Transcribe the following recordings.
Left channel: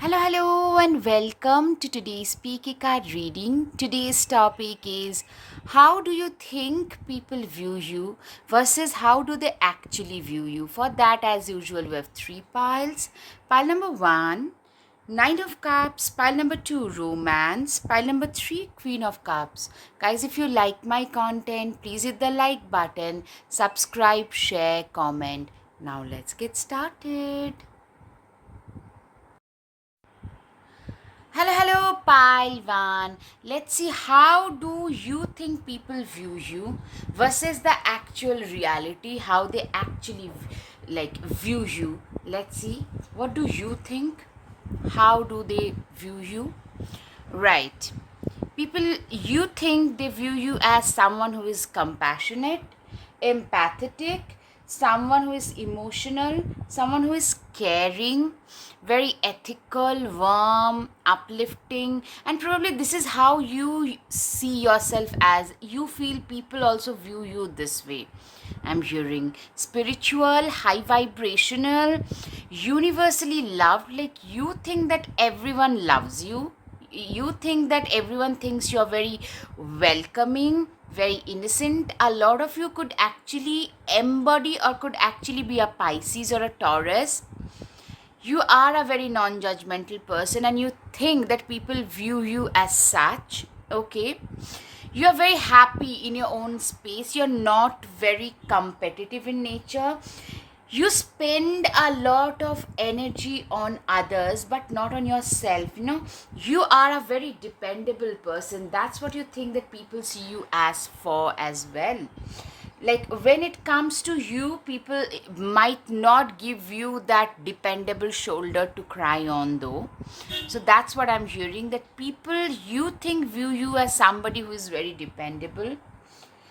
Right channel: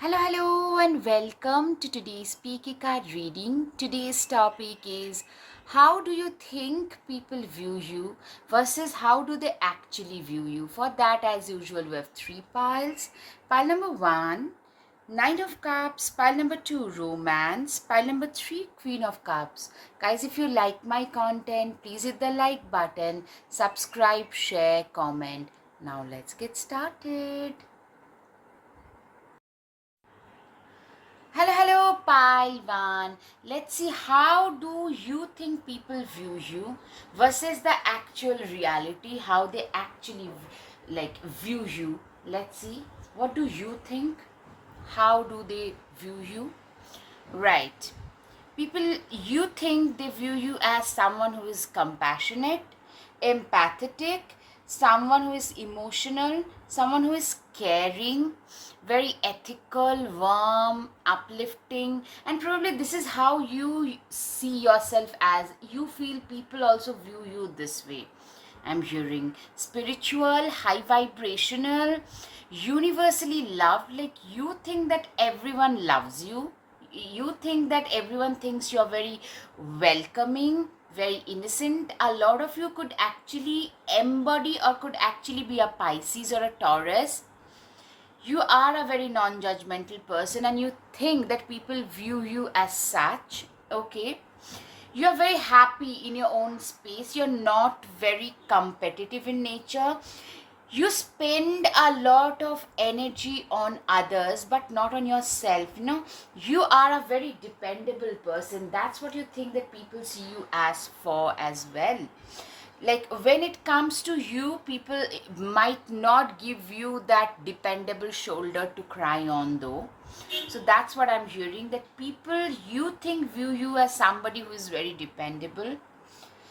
Hello, and welcome to today's Speaky Card reading. Today's topic is how do you think people view you versus how do they actually view you? For that, as usual, we have three piles. Pile number one, Nine of Cups. Pile number two, Romance. Pile number three, Queen of Cups. Guys, if you like my content, please hit the like button, subscribe, share, comment. Now, let's get started. Hello, Paivan. Let's see how do you think people view you versus the actual reality, how they actually view you. Let's see. What do you think? How do they view you? Right. People, you think they view you as someone who is compassionate, empathetic, someone who is emotional, someone who is caring, very ethical, warm, uplifting, and probably this is how you see yourself as. You feel people also view you this way. I'm hearing spiritual, high vibrational, universally loved. Like you think that everyone loves you. You think that everyone thinks you're very welcoming, very innocent. A lot of you could actually embody or could actually be a Pisces or a Taurus. You are a very non-judgmental person and you think that people view you as such. Okay, you're very happy in your own space. You're not very competitive in nature. You spend a lot of energy on others but not on yourself. You are a very dependable person. That's what you think that people see you as for as well. Like when it comes to you, people might not give you that dependable shoulder to cry on, though. So that's what I'm hearing, that people you think view you as somebody who is very dependable,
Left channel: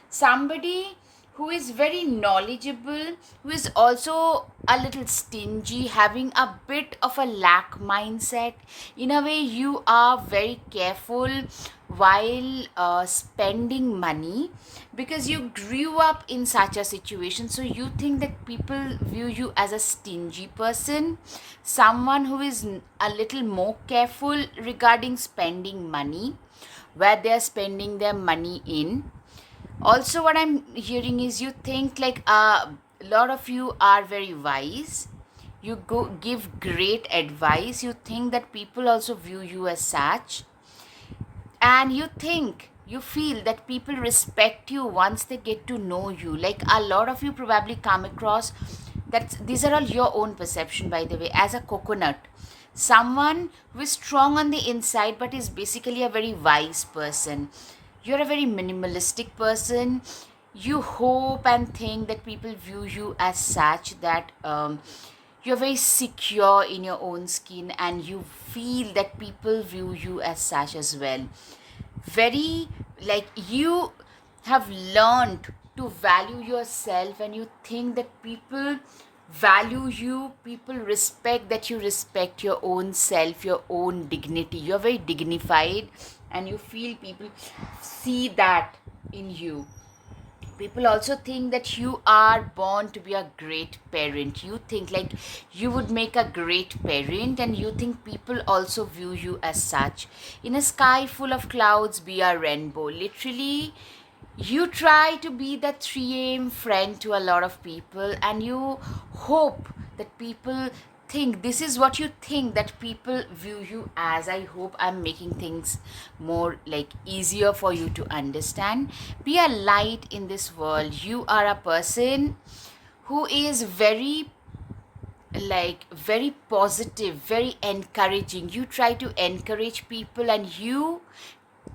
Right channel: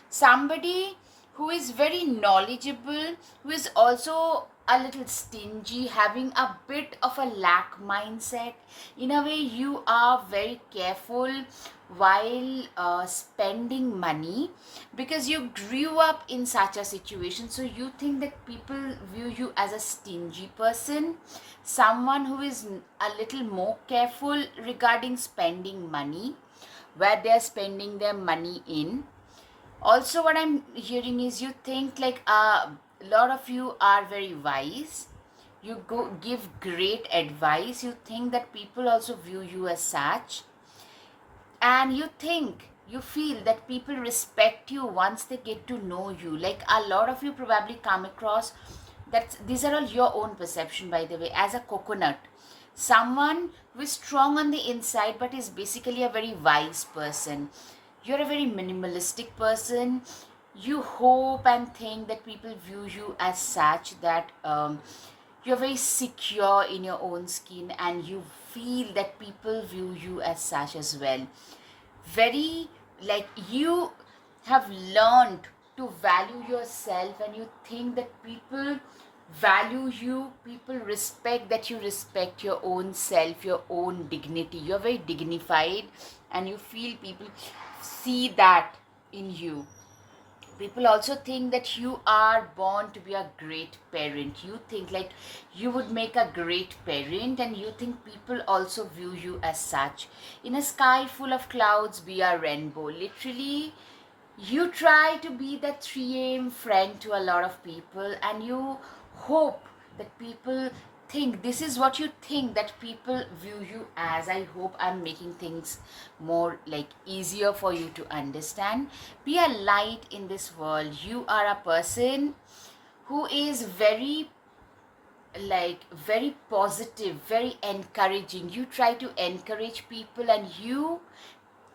somebody who is very knowledgeable, who is also a little stingy, having a bit of a lack mindset. In a way, you are very careful while spending money because you grew up in such a situation. So you think that people view you as a stingy person, someone who is a little more careful regarding spending money, where they're spending their money in. Also, what I'm hearing is you think like a lot of you are very wise. You go give great advice. You think that people also view you as such, and you feel that people respect you once they get to know you. Like a lot of you probably come across that these are all your own perception, by the way, as a coconut, someone who is strong on the inside but is basically a very wise person. You're a very minimalistic person. You hope and think that people view you as such, that you're very secure in your own skin and you feel that people view you as such as well. Very, like, you have learned to value yourself and you think that people value you, people respect that you respect your own self, your own dignity. You're very dignified and you feel people see that in you. People also think that you are born to be a great parent. You think like you would make a great parent and you think people also view you as such. In a sky full of clouds, be a rainbow. Literally, you try to be the 3 a.m. friend to a lot of people and you hope that people think this is what you think that people view you as. I hope I'm making things more like easier for you to understand. Be a light in this world. You are a person who is very, like, very positive, very encouraging. You try to encourage people and you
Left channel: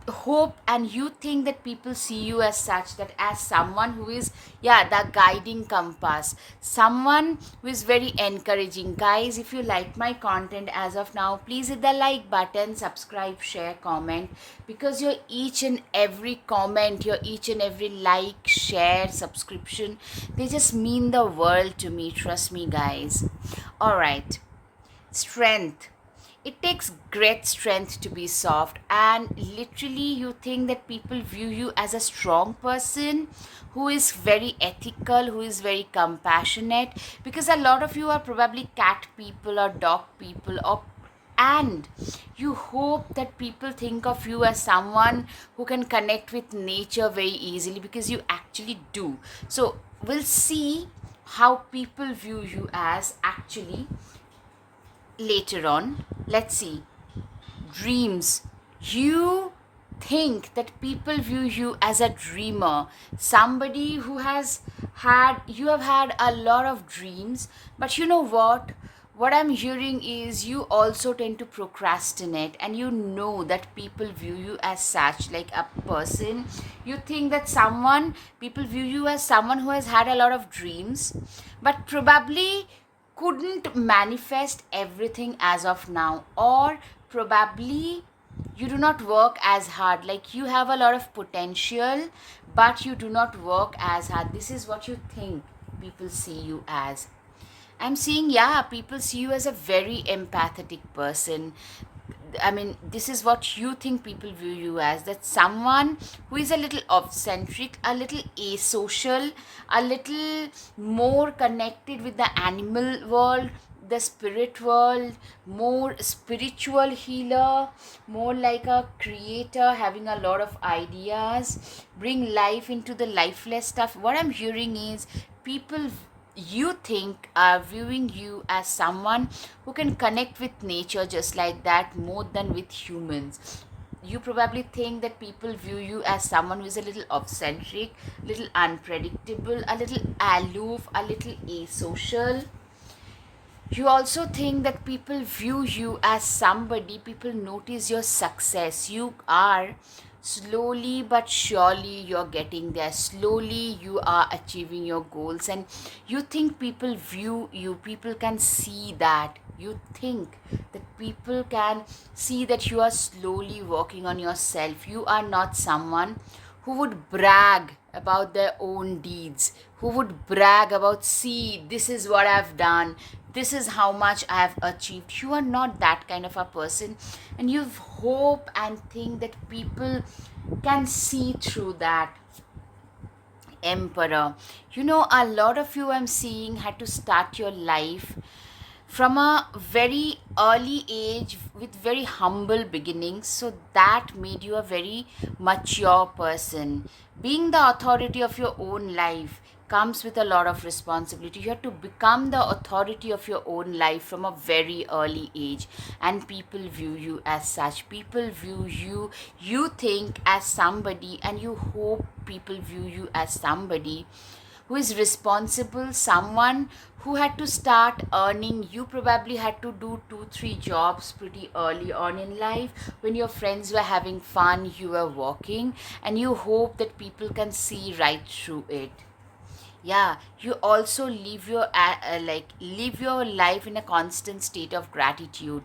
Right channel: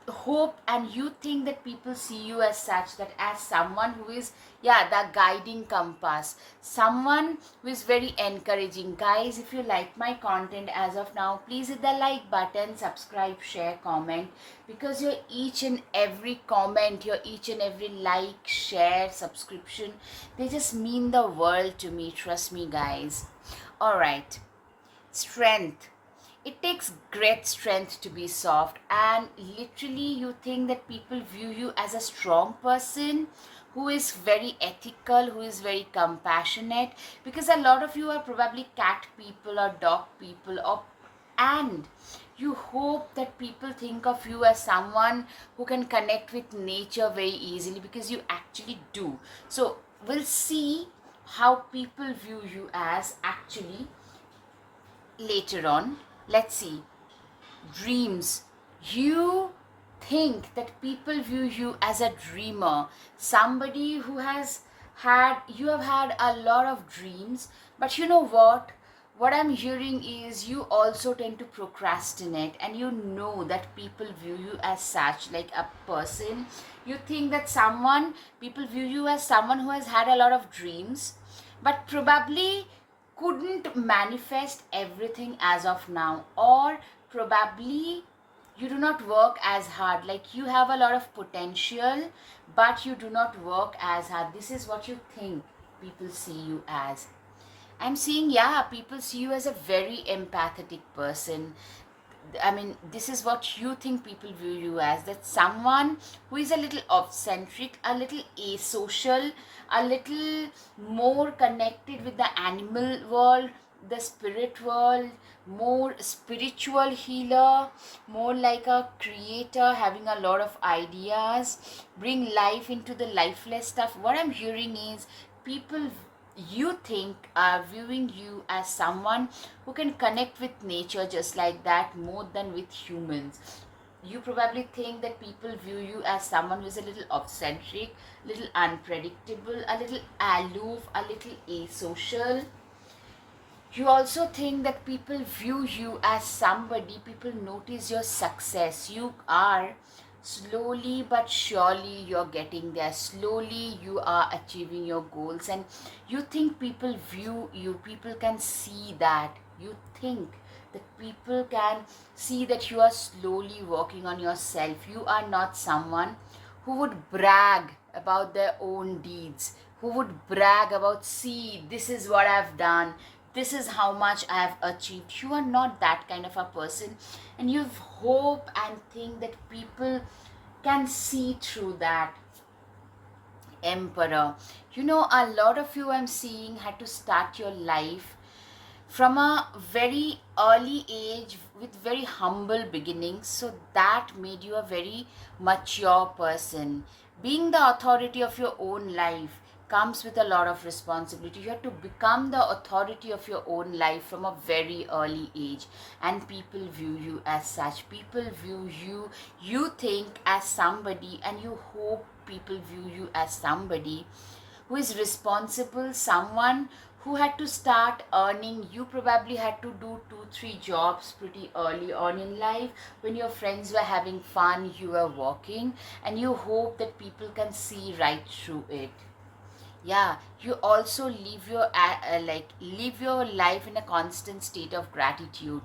hope and you think that people see you as such, that as someone who is, yeah, the guiding compass, someone who is very encouraging. Guys, if you like my content as of now, please hit the like button, subscribe, share, comment, because your each and every comment, your each and every like, share, subscription, they just mean the world to me. Trust me, guys. All right. Strength. It takes great strength to be soft, and literally you think that people view you as a strong person who is very ethical, who is very compassionate, because a lot of you are probably cat people or dog people or and you hope that people think of you as someone who can connect with nature very easily, because you actually do. So we'll see how people view you as actually later on. Let's see. Dreams. You think that people view you as a dreamer, somebody who has you have had a lot of dreams, but you know what I'm hearing is you also tend to procrastinate, and you know that people view you as such, like a person. You think that someone, people view you as someone who has had a lot of dreams, but probably couldn't manifest everything as of now, or probably you do not work as hard, like you have a lot of potential but you do not work as hard. This is what you think people see you as. I'm seeing, yeah, people see you as a very empathetic person. I mean, this is what you think people view you as, that someone who is a little eccentric, a little asocial, a little more connected with the animal world, the spirit world, more spiritual healer, more like a creator, having a lot of ideas, bring life into the lifeless stuff. What I'm hearing is people you think are viewing you as someone who can connect with nature just like that more than with humans. You probably think that people view you as someone who is a little eccentric, little unpredictable, a little aloof, a little asocial. You also think that people view you as somebody, people notice your success. You are slowly but surely you're getting there. Slowly you are achieving your goals, and you think people view you, people can see that. You think that people can see that you are slowly working on yourself. You are not someone who would brag about their own deeds, who would brag about, see, this is what I've done, this is how much I have achieved. You are not that kind of a person, and you hope and think that people can see through that. Emperor. You know, a lot of you I'm seeing had to start your life from a very early age with very humble beginnings, so that made you a very mature person. Being the authority of your own life comes with a lot of responsibility. You have to become the authority of your own life from a very early age, and people view you as such. People view you, you think, as somebody, and you hope people view you as somebody who is responsible, someone who had to start earning. You probably had to do 2 3 jobs pretty early on in life. When your friends were having fun, you were working, and you hope that people can see right through it. Yeah, you also live your life in a constant state of gratitude.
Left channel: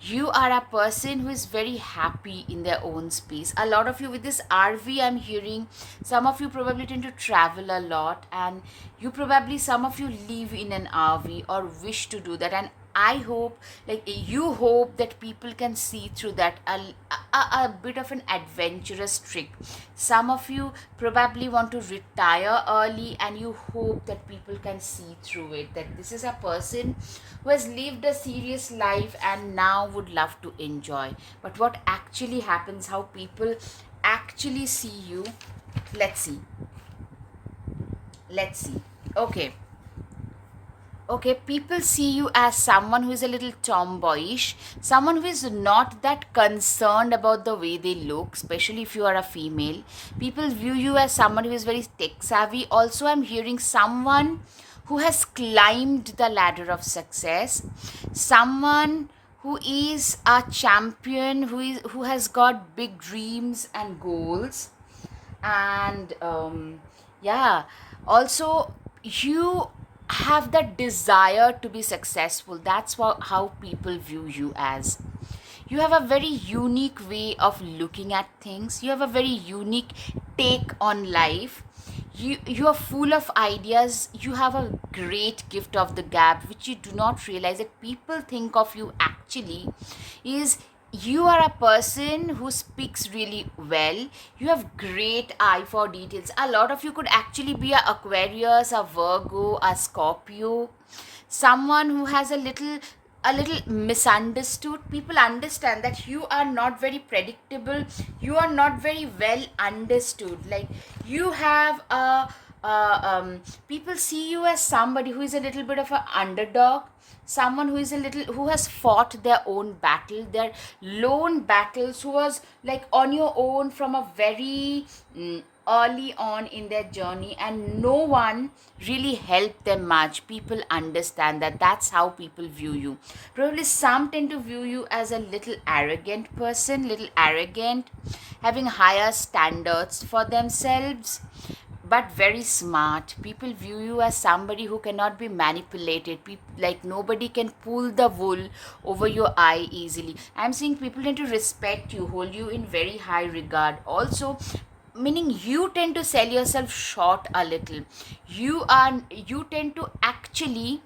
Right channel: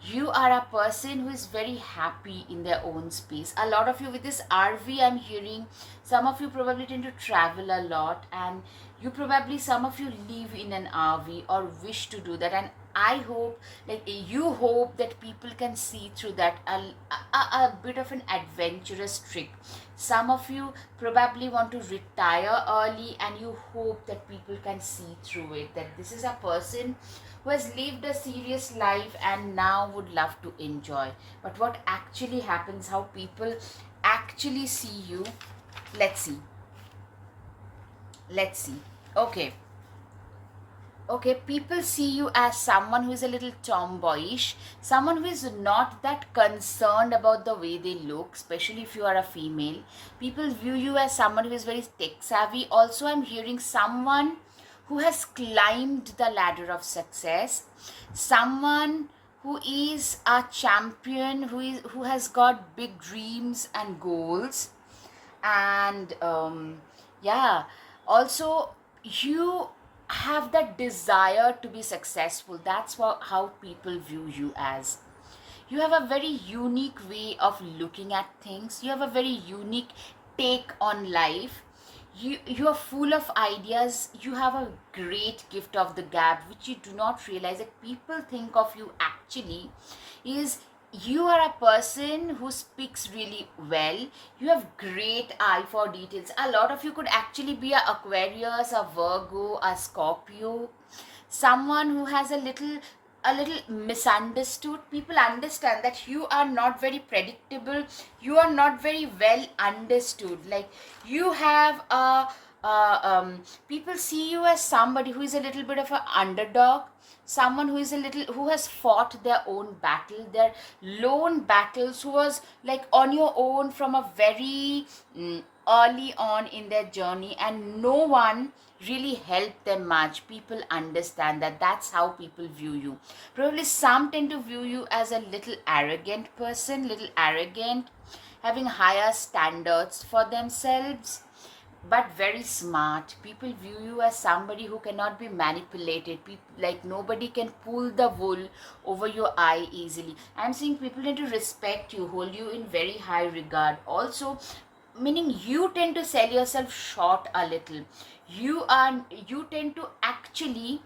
You are a person who is very happy in their own space. A lot of you with this RV, I'm hearing some of you probably tend to travel a lot, and you probably, some of you live in an RV or wish to do that. And I hope, like you hope that people can see through that, a bit of an adventurous trick. Some of you probably want to retire early, and you hope that people can see through it, that this is a person who has lived a serious life and now would love to enjoy. But what actually happens, how people actually see you, let's see. Let's see. Okay. Okay, people see you as someone who is a little tomboyish, someone who is not that concerned about the way they look, especially if you are a female. People view you as someone who is very tech savvy. Also, I'm hearing someone who has climbed the ladder of success, someone who is a champion, who has got big dreams and goals. And yeah, also you have that desire to be successful. That's how people view you as. You have a very unique way of looking at things. You have a very unique take on life. You are full of ideas. You have a great gift of the gab, which you do not realize that people think of you actually is, you are a person who speaks really well. You have great eye for details. A lot of you could actually be a Aquarius, a Virgo, a Scorpio, someone who has a little misunderstood. People understand that you are not very predictable, you are not very well understood. Like, you have people see you as somebody who is a little bit of an underdog, someone who is a little, who has fought their own battle, their lone battles, who was like on your own from a very early on in their journey, and no one really helped them much. People understand that. That's how people view you. Probably some tend to view you as a little arrogant person, little arrogant, having higher standards for themselves, but very smart. People view you as somebody who cannot be manipulated. Like, nobody can pull the wool over your eye easily. I'm saying people tend to respect you, hold you in very high regard. Also, meaning you tend to sell yourself short a little. You tend to actually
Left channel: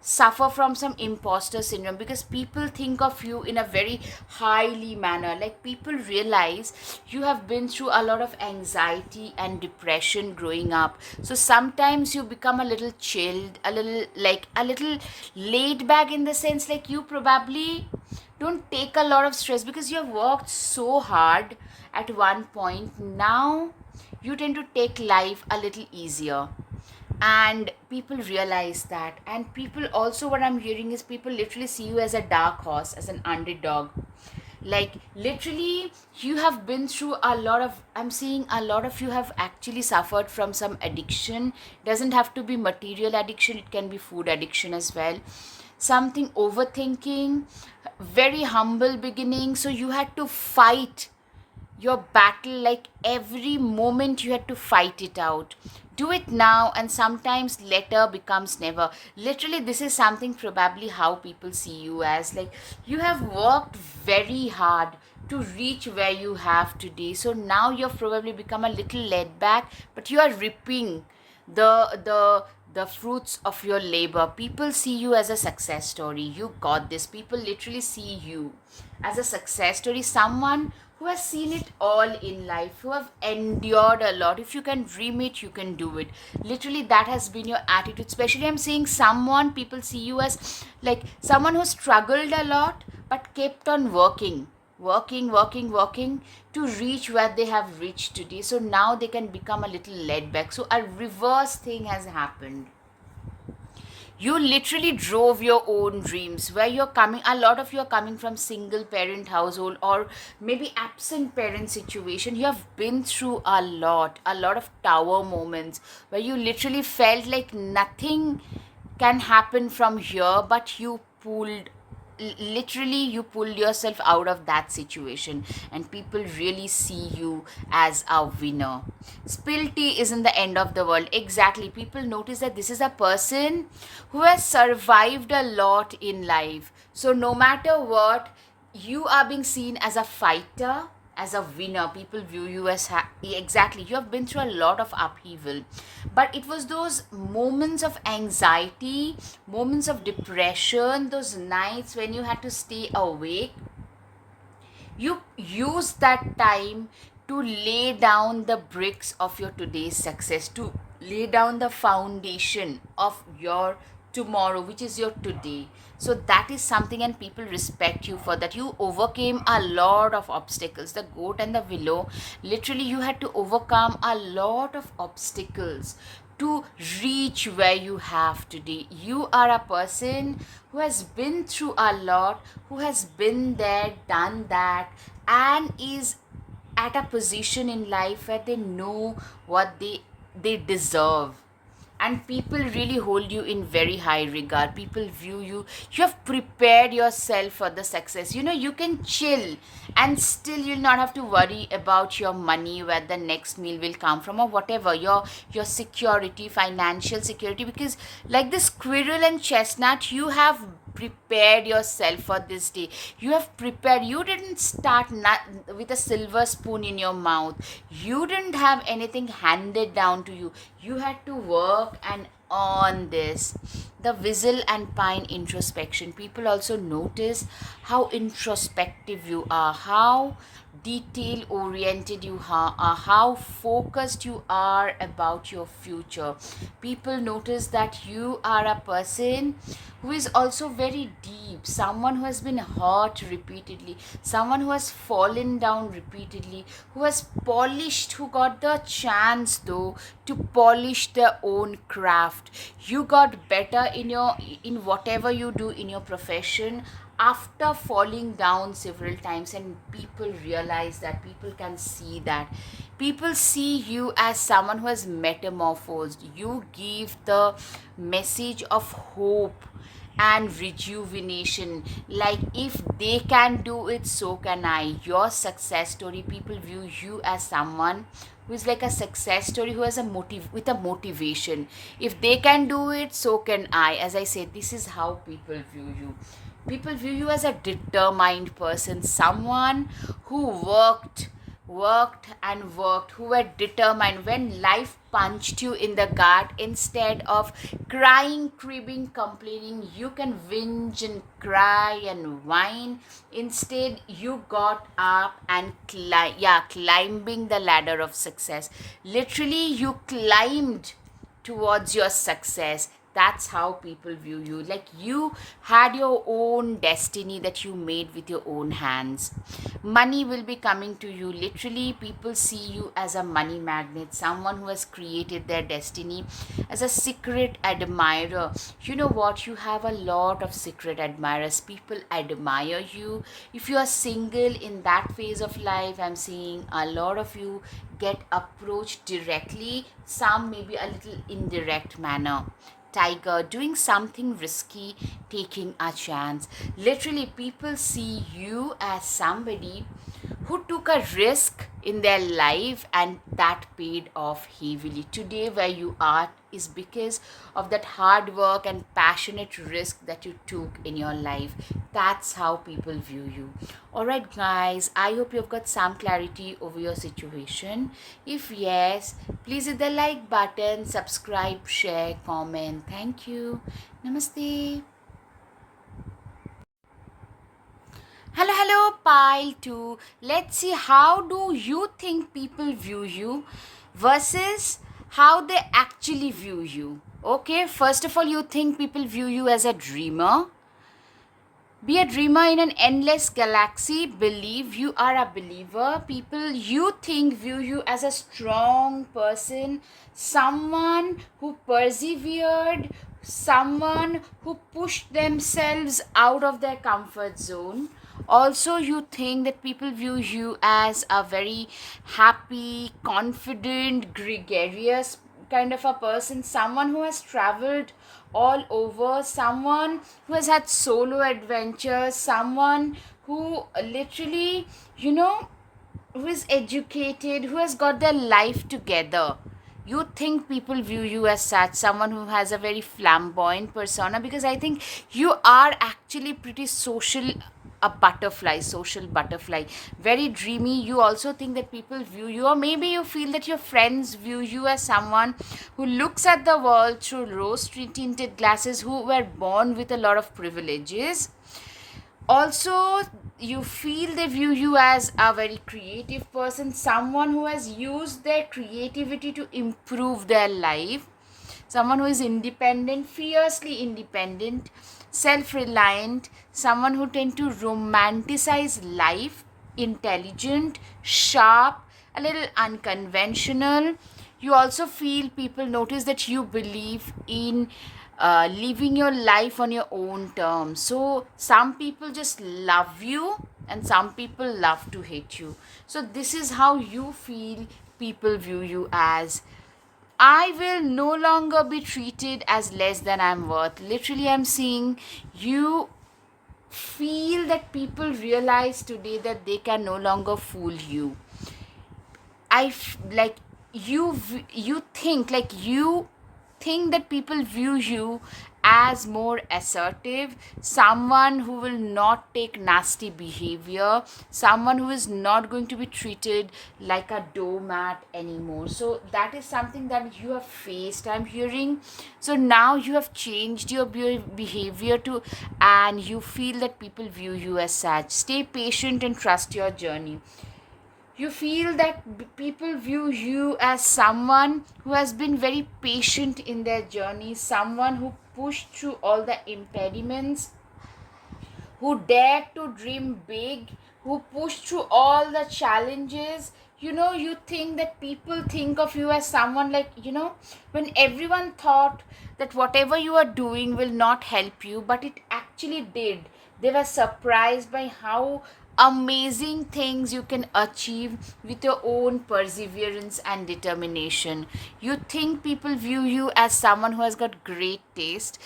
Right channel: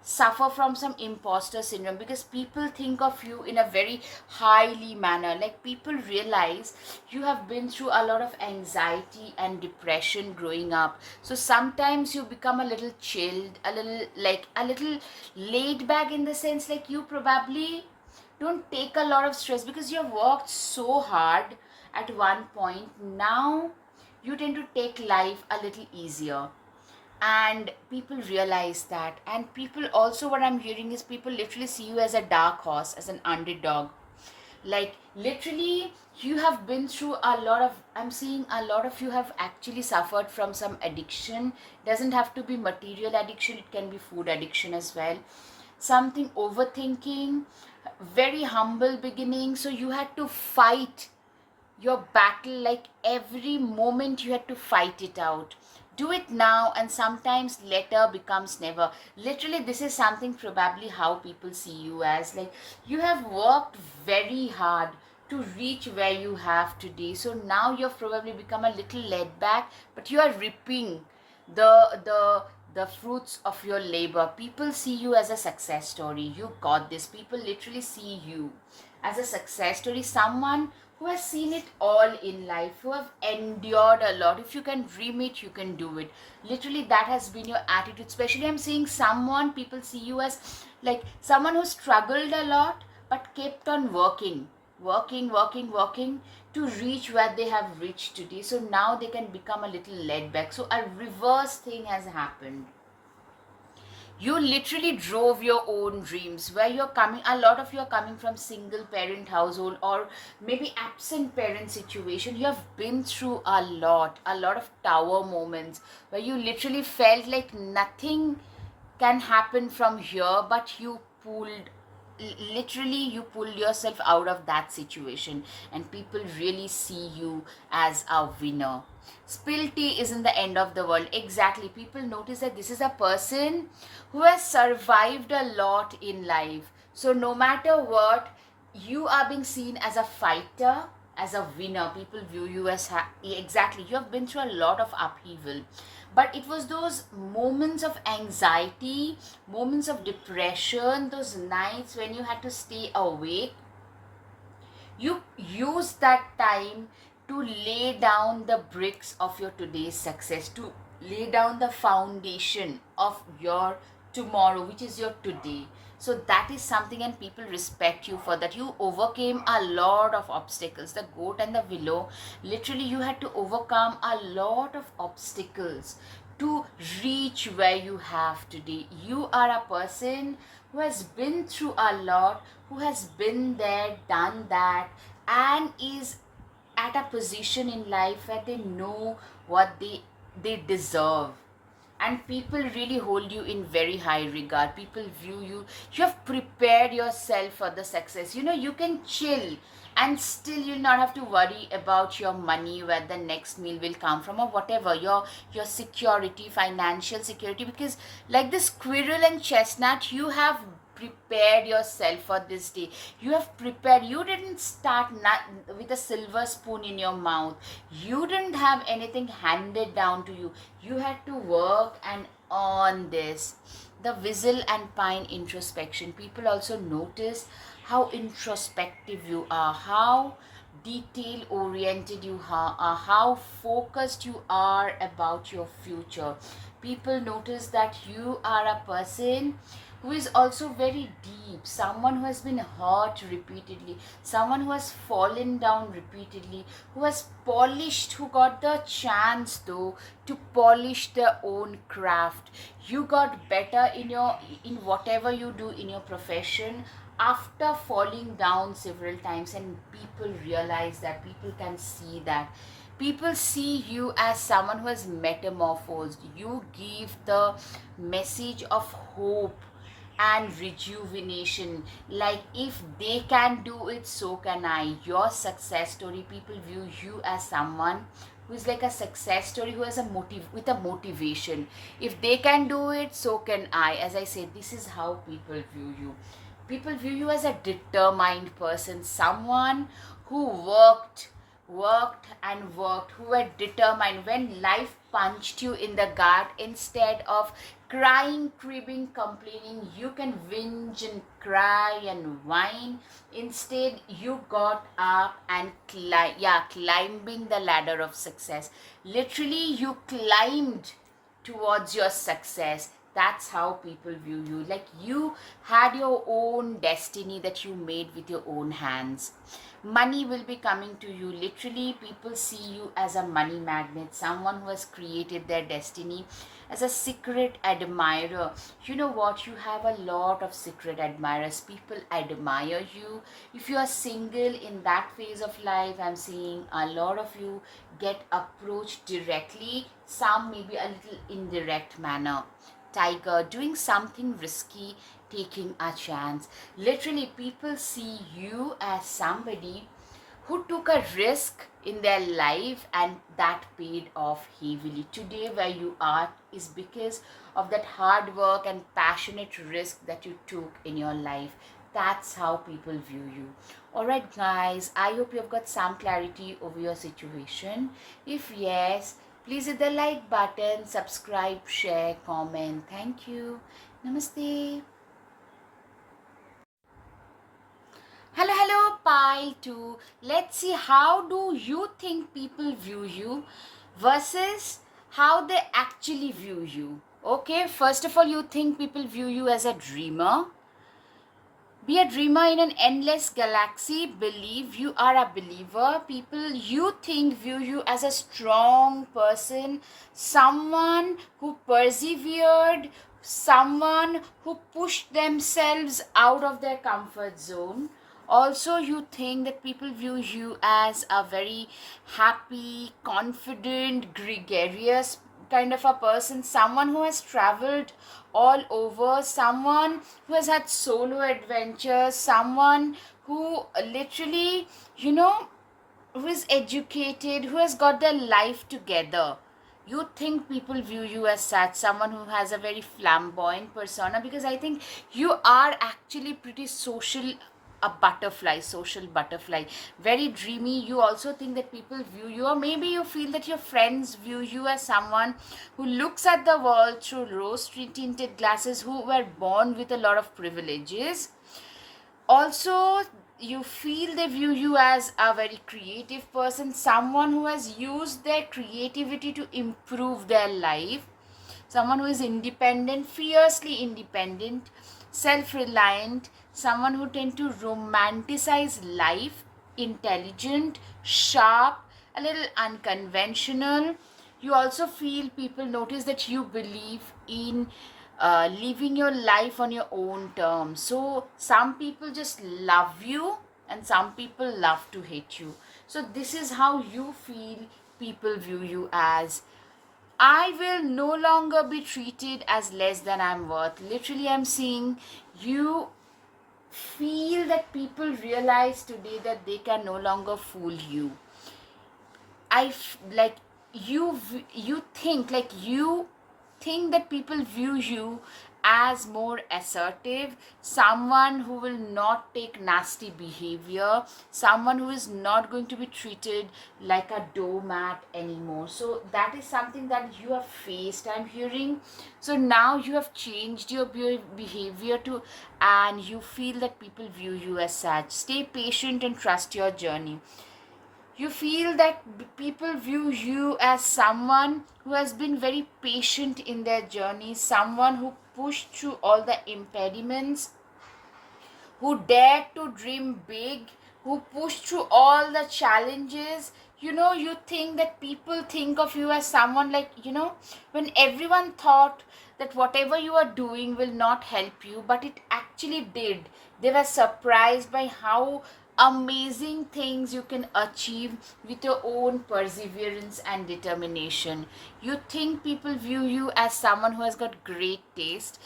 suffer from some imposter syndrome, because people think of you in a very highly manner. Like, people realize you have been through a lot of anxiety and depression growing up, so sometimes you become a little chilled, a little, like, a little laid back, in the sense like you probably don't take a lot of stress because you have worked so hard at one point. Now you tend to take life a little easier, and people realize that. And people also, what I'm hearing is, people literally see you as a dark horse, as an underdog. Like, literally, you have been through a lot of, I'm seeing a lot of you have actually suffered from some addiction. Doesn't have to be material addiction, it can be food addiction as well. Something overthinking, very humble beginning, so you had to fight your battle. Like, every moment you had to fight it out. Do it now, and sometimes later becomes never. Literally, this is something probably how people see you as. Like, you have worked very hard to reach where you have today, so now you've probably become a little laid back, but you are reaping the fruits of your labor. People see you as a success story. You got this. People literally see you as a success story, someone who has seen it all in life, who have endured a lot. If you can dream it, you can do it. Literally, that has been your attitude. Especially, I'm saying someone, people see you as like someone who struggled a lot but kept on working to reach where they have reached today. So now they can become a little laid back. So a reverse thing has happened. You literally drove your own dreams. Where you're coming, a lot of you are coming from single parent household, or maybe absent parent situation. You have been through a lot of tower moments, where you literally felt like nothing can happen from here, but you pulled, literally you pulled yourself out of that situation, and people really see you as a winner. Spill tea isn't the end of the world. Exactly, people notice that this is a person who has survived a lot in life. So no matter what, you are being seen as a fighter, as a winner. People view you as exactly, you have been through a lot of upheaval, but it was those moments of anxiety, moments of depression, those nights when you had to stay awake. You use that time to lay down the bricks of your today's success, to lay down the foundation of your tomorrow, which is your today. So that is something, and people respect you for that. You overcame a lot of obstacles. The goat and the willow, literally, you had to overcome a lot of obstacles to reach where you have today. You are a person who has been through a lot, who has been there, done that, and is at a position in life where they know what they deserve. And people really hold you in very high regard. People view you, you have prepared yourself for the success. You can chill, and still you'll not have to worry about your money, where the next meal will come from, or whatever, your security, financial security, because like the squirrel and chestnut, you have prepared yourself for this day. You have prepared. You didn't start with a silver spoon in your mouth. You didn't have anything handed down to you. You had to work and on this. The whistle and pine introspection. People also notice how introspective you are, how detail oriented you are, how focused you are about your future. People notice that you are a person who is also very deep, someone who has been hurt repeatedly, someone who has fallen down repeatedly, who has polished, who got the chance though to polish their own craft. You got better in whatever you do in your profession after falling down several times, and people realize that, people can see that, people see you as someone who has metamorphosed. You give the message of hope and rejuvenation, like if they can do it, so can I. Your success story, people view you as someone who is like a success story, who has a motive, with a motivation. If they can do it, so can I. As I said, this is how people view you. People view you as a determined person, someone who worked, who were determined. When life punched you in the gut, instead of crying, cribbing, complaining, you can whinge and cry and whine. Instead, you got up and climbing the ladder of success. Literally, you climbed towards your success. That's how people view you, like you had your own destiny that you made with your own hands. Money will be coming to you. Literally, people see you as a money magnet, someone who has created their destiny, as a secret admirer. You know what, you have a lot of secret admirers. People admire you. If you are single in that phase of life, I'm seeing a lot of you get approached directly, some maybe a little indirect manner. Tiger, doing something risky, taking a chance. Literally, people see you as somebody who took a risk in their life and that paid off heavily. Today, where you are is because of that hard work and passionate risk that you took in your life. That's how people view you. Alright, guys, I hope you've got some clarity over your situation. If yes, please hit the like button, subscribe, share, comment. Thank you. Namaste. Hello, pile 2. Let's see, how do you think people view you versus how they actually view you. Okay, first of all, you think people view you as a dreamer. Be a dreamer in an endless galaxy. Believe you are a believer. People you think view you as a strong person, someone who persevered, someone who pushed themselves out of their comfort zone. Also, you think that people view you as a very happy, confident, gregarious kind of a person, someone who has traveled all over, someone who has had solo adventures, someone who literally, who is educated, who has got their life together. You think people view you as such, someone who has a very flamboyant persona, because I think you are actually pretty social, a butterfly, social butterfly, very dreamy. You also think that people view you, or maybe you feel that your friends view you as someone who looks at the world through rose tinted glasses, who were born with a lot of privileges. Also, you feel they view you as a very creative person, someone who has used their creativity to improve their life, someone who is independent, fiercely independent, self-reliant, someone who tend to romanticize life, intelligent, sharp, a little unconventional. You also feel people notice that you believe in living your life on your own terms. So some people just love you and some people love to hate you. So this is how you feel people view you as. I will no longer be treated as less than I'm worth. Literally, I'm seeing you feel that people realize today that they can no longer fool you. Like you think that people view you as more assertive, someone who will not take nasty behavior, someone who is not going to be treated like a doormat anymore. So that is something that you have faced, I'm hearing. So now you have changed your behavior to, and you feel that people view you as such. Stay patient and trust your journey. You feel that people view you as someone who has been very patient in their journey, someone who pushed through all the impediments, who dared to dream big, who pushed through all the challenges. You think that people think of you as someone like, when everyone thought that whatever you are doing will not help you, but it actually did. They were surprised by how amazing things you can achieve with your own perseverance and determination. You think people view you as someone who has got great taste.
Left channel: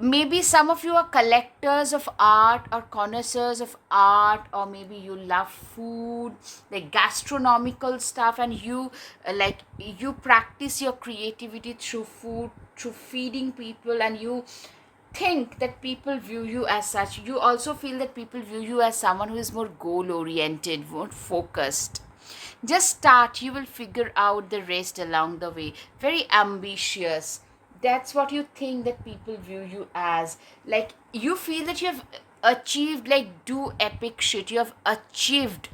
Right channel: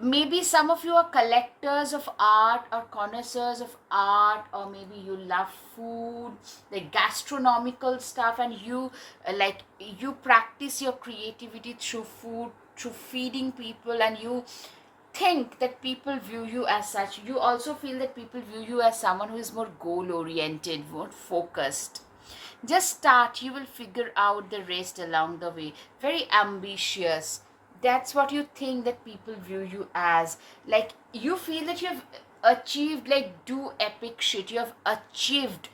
Maybe some of you are collectors of art or connoisseurs of art, or maybe you love food, like gastronomical stuff, and you practice your creativity through food, through feeding people, and you think that people view you as such. You also feel that people view you as someone who is more goal oriented, more focused. Just start, you will figure out the rest along the way. Very ambitious. That's what you think that people view you as. Like, you feel that you have achieved, like, do epic shit. You have achieved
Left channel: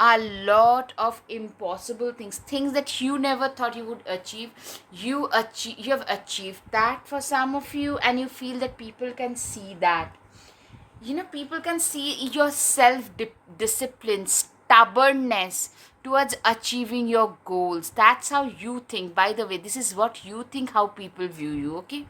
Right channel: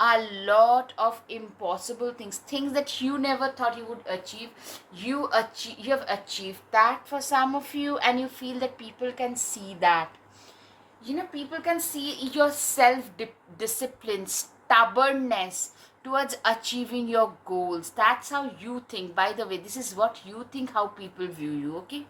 a lot of impossible things that you never thought you would achieve. You have achieved that for some of you, and you feel that people can see that. People can see your self discipline, stubbornness towards achieving your goals. That's how you think. By the way, this is what you think, how people view you, okay?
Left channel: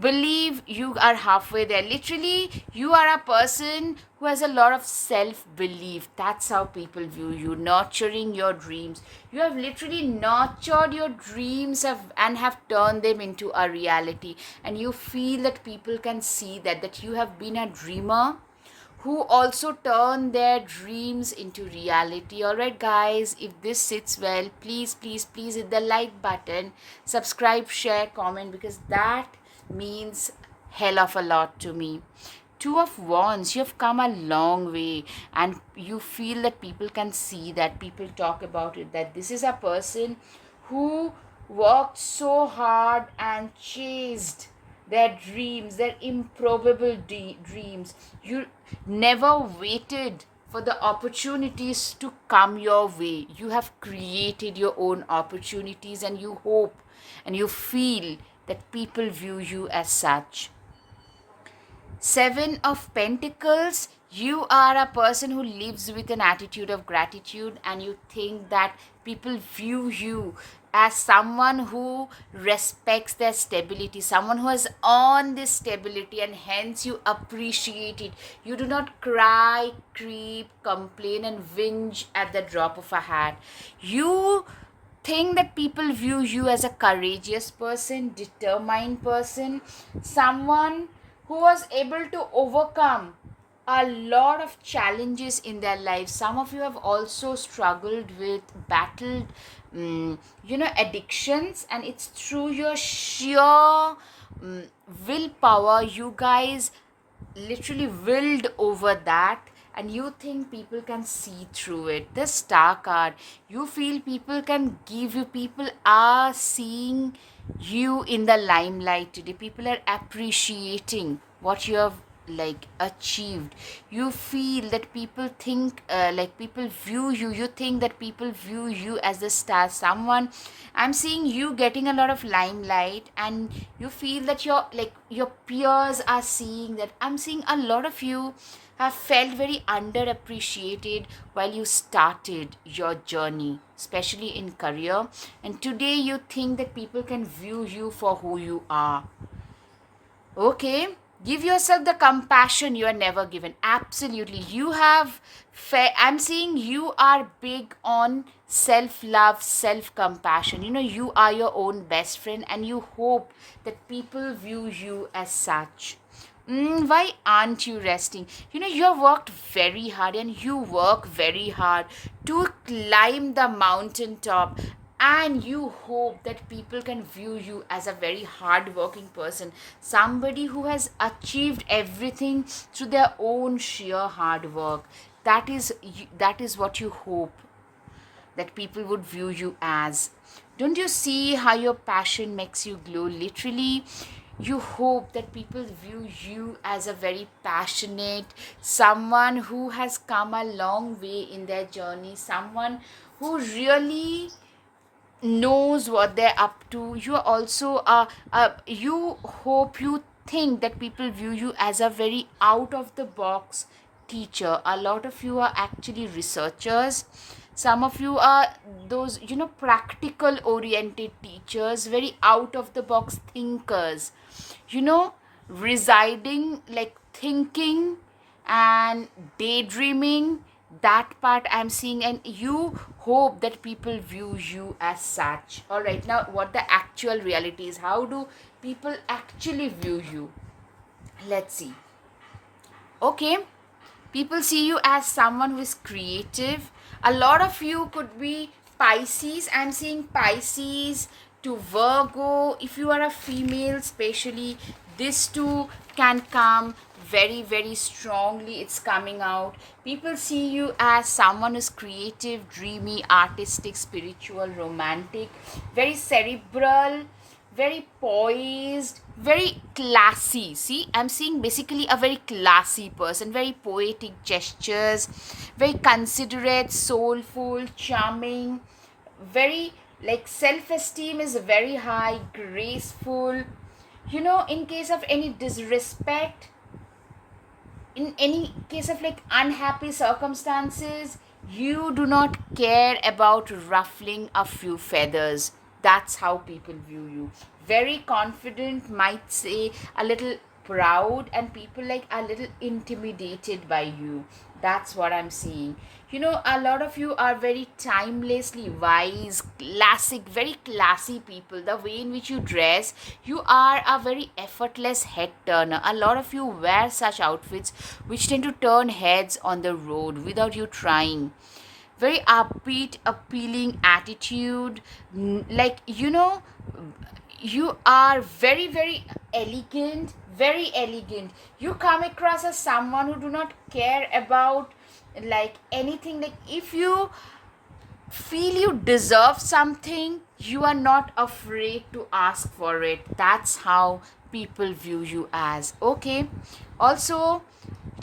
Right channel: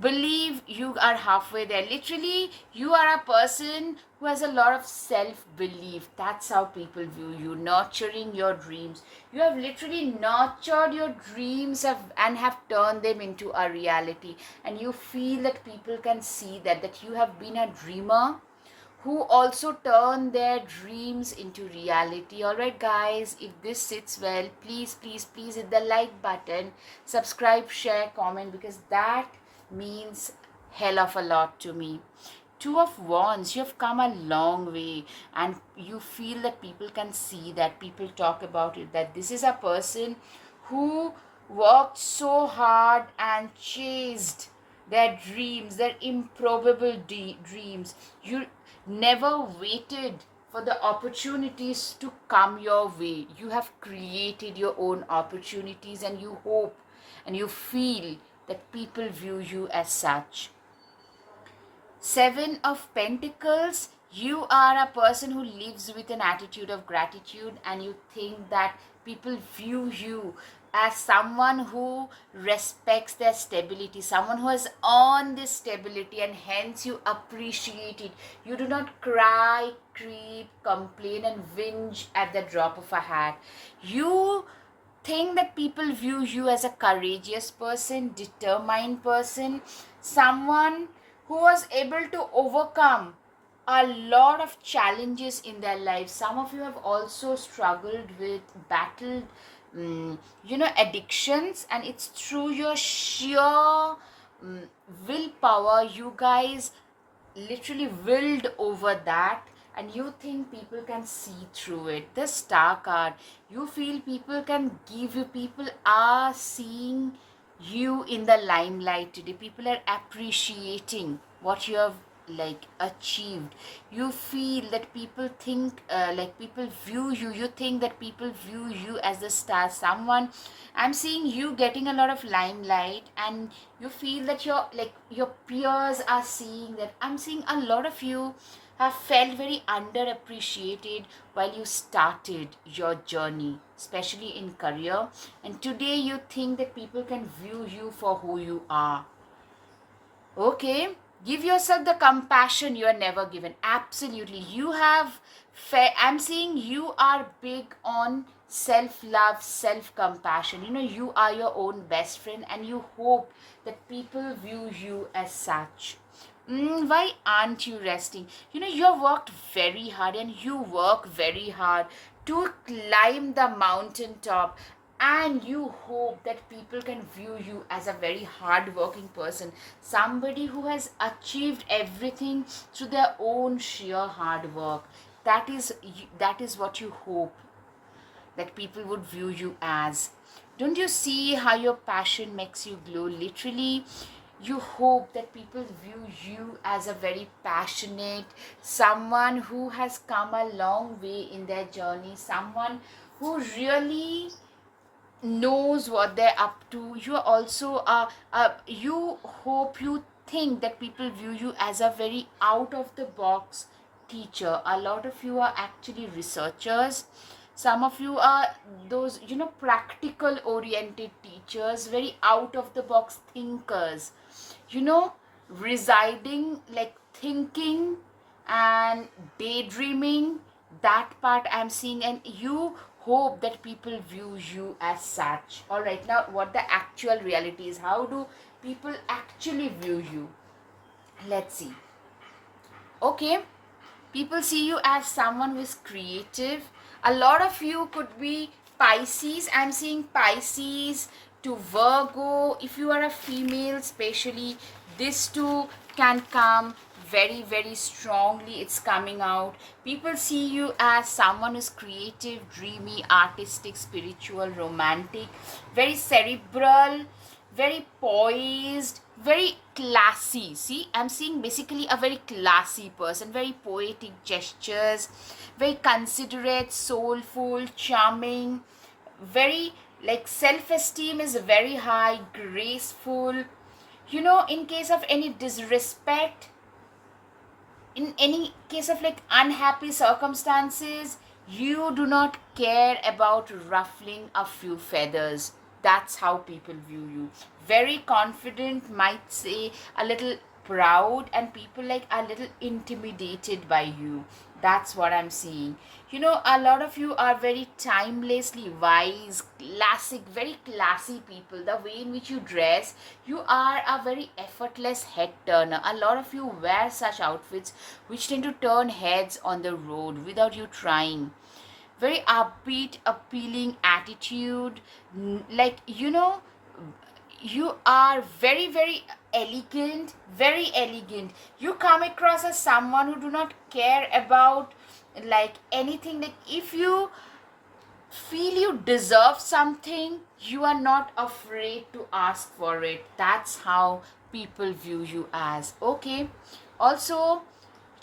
Believe you are halfway there. Literally, you are a person who has a lot of self belief. That's how people view you. Nurturing your dreams. You have literally nurtured your dreams and have turned them into a reality. And you feel that people can see that you have been a dreamer who also turn their dreams into reality. Alright, guys, if this sits well, please, please, please hit the like button, subscribe, share, comment, because that means hell of a lot to me. Two of Wands, you have come a long way, and you feel that people can see that, people talk about it, that this is a person who worked so hard and chased their dreams, their improbable dreams. You never waited for the opportunities to come your way. You have created your own opportunities, and you hope and you feel that people view you as such. Seven of Pentacles, you are a person who lives with an attitude of gratitude, and you think that people view you as someone who respects their stability, someone who has earned this stability, and hence you appreciate it. You do not cry, creep, complain, and whinge at the drop of a hat. You think that people view you as a courageous person, determined person, someone who was able to overcome a lot of challenges in their lives. Some of you have also struggled with, battled, addictions, and it's through your sheer willpower. You guys literally willed over that, and you think people can see through it. The Star card, you feel people can give you, people are seeing you in the limelight today. People are appreciating what you have achieved. You feel that people think, people view you, you think that people view you as the star, someone. I'm seeing you getting a lot of limelight, and you feel that your peers are seeing that. I'm seeing a lot of you have felt very underappreciated while you started your journey, especially in career, and today you think that people can view you for who you are. Okay, give yourself the compassion you are never given. Absolutely, you have I'm seeing you are big on self-love, self-compassion. You are your own best friend, and you hope that people view you as such. Why aren't you resting? You have worked very hard, and you work very hard to climb the mountaintop, and you hope that people can view you as a very hard-working person, somebody who has achieved everything through their own sheer hard work. That is what you hope that people would view you as. Don't you see how your passion makes you glow? Literally, you hope that people view you as a very passionate, someone who has come a long way in their journey, someone who really knows what they're up to. You are also you hope, you think that people view you as a very out of the box teacher. A lot of you are actually researchers. Some of you are those, practical oriented teachers, very out of the box thinkers, you know residing, like thinking and daydreaming. That part I'm seeing, and you hope that people view you as such. All right, now what the actual reality is, how do people actually view you? Let's see. Okay, people see you as someone who is creative. A lot of you could be Pisces. I'm seeing Pisces to Virgo. If you are a female, especially, this too can come very, very strongly. It's coming out. People see you as someone who's creative, dreamy, artistic, spiritual, romantic, very cerebral, very poised, very classy. See, I'm seeing basically a very classy person, very poetic gestures, very considerate, soulful, charming, very, like, self esteem is very high, graceful. In case of any disrespect, in any case of like unhappy circumstances, you do not care about ruffling a few feathers. That's how people view you. Very confident, might say a little proud, and people like a little intimidated by you. That's what I'm seeing. A lot of you are very timelessly wise, classic, very classy people. The way in which you dress, you are a very effortless head turner. A lot of you wear such outfits which tend to turn heads on the road without you trying. Very upbeat, appealing attitude. Like, you are very, very elegant, very elegant. You come across as someone who do not care about like anything. Like, if you feel you deserve something, you are not afraid to ask for it. That's how people view you as. Okay, also,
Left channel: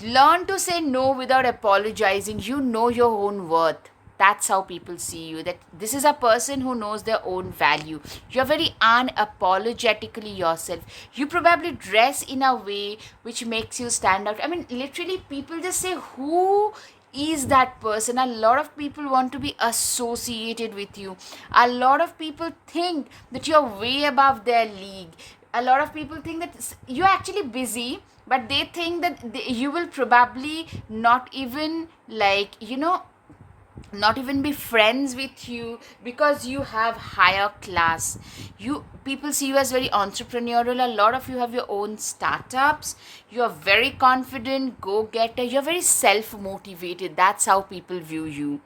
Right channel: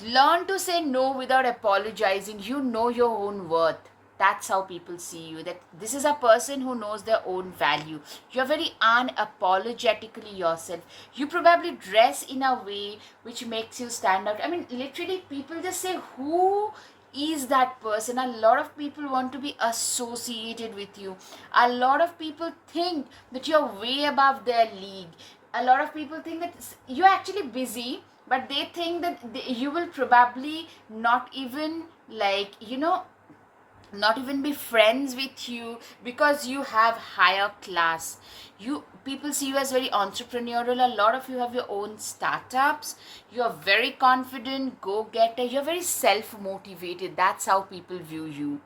learn to say no without apologizing. You know your own worth. That's how people see you, that this is a person who knows their own value. You're very unapologetically yourself. You probably dress in a way which makes you stand out. I mean, literally, people just say, who is that person? A lot of people want to be associated with you. A lot of people think that you're way above their league. A lot of people think that you're actually busy, but they think that you will probably not even, like, not even be friends with you because you have higher class. You People see you as very entrepreneurial. A lot of you have your own startups. You are very confident, go getter. You're very self motivated. That's how people view you.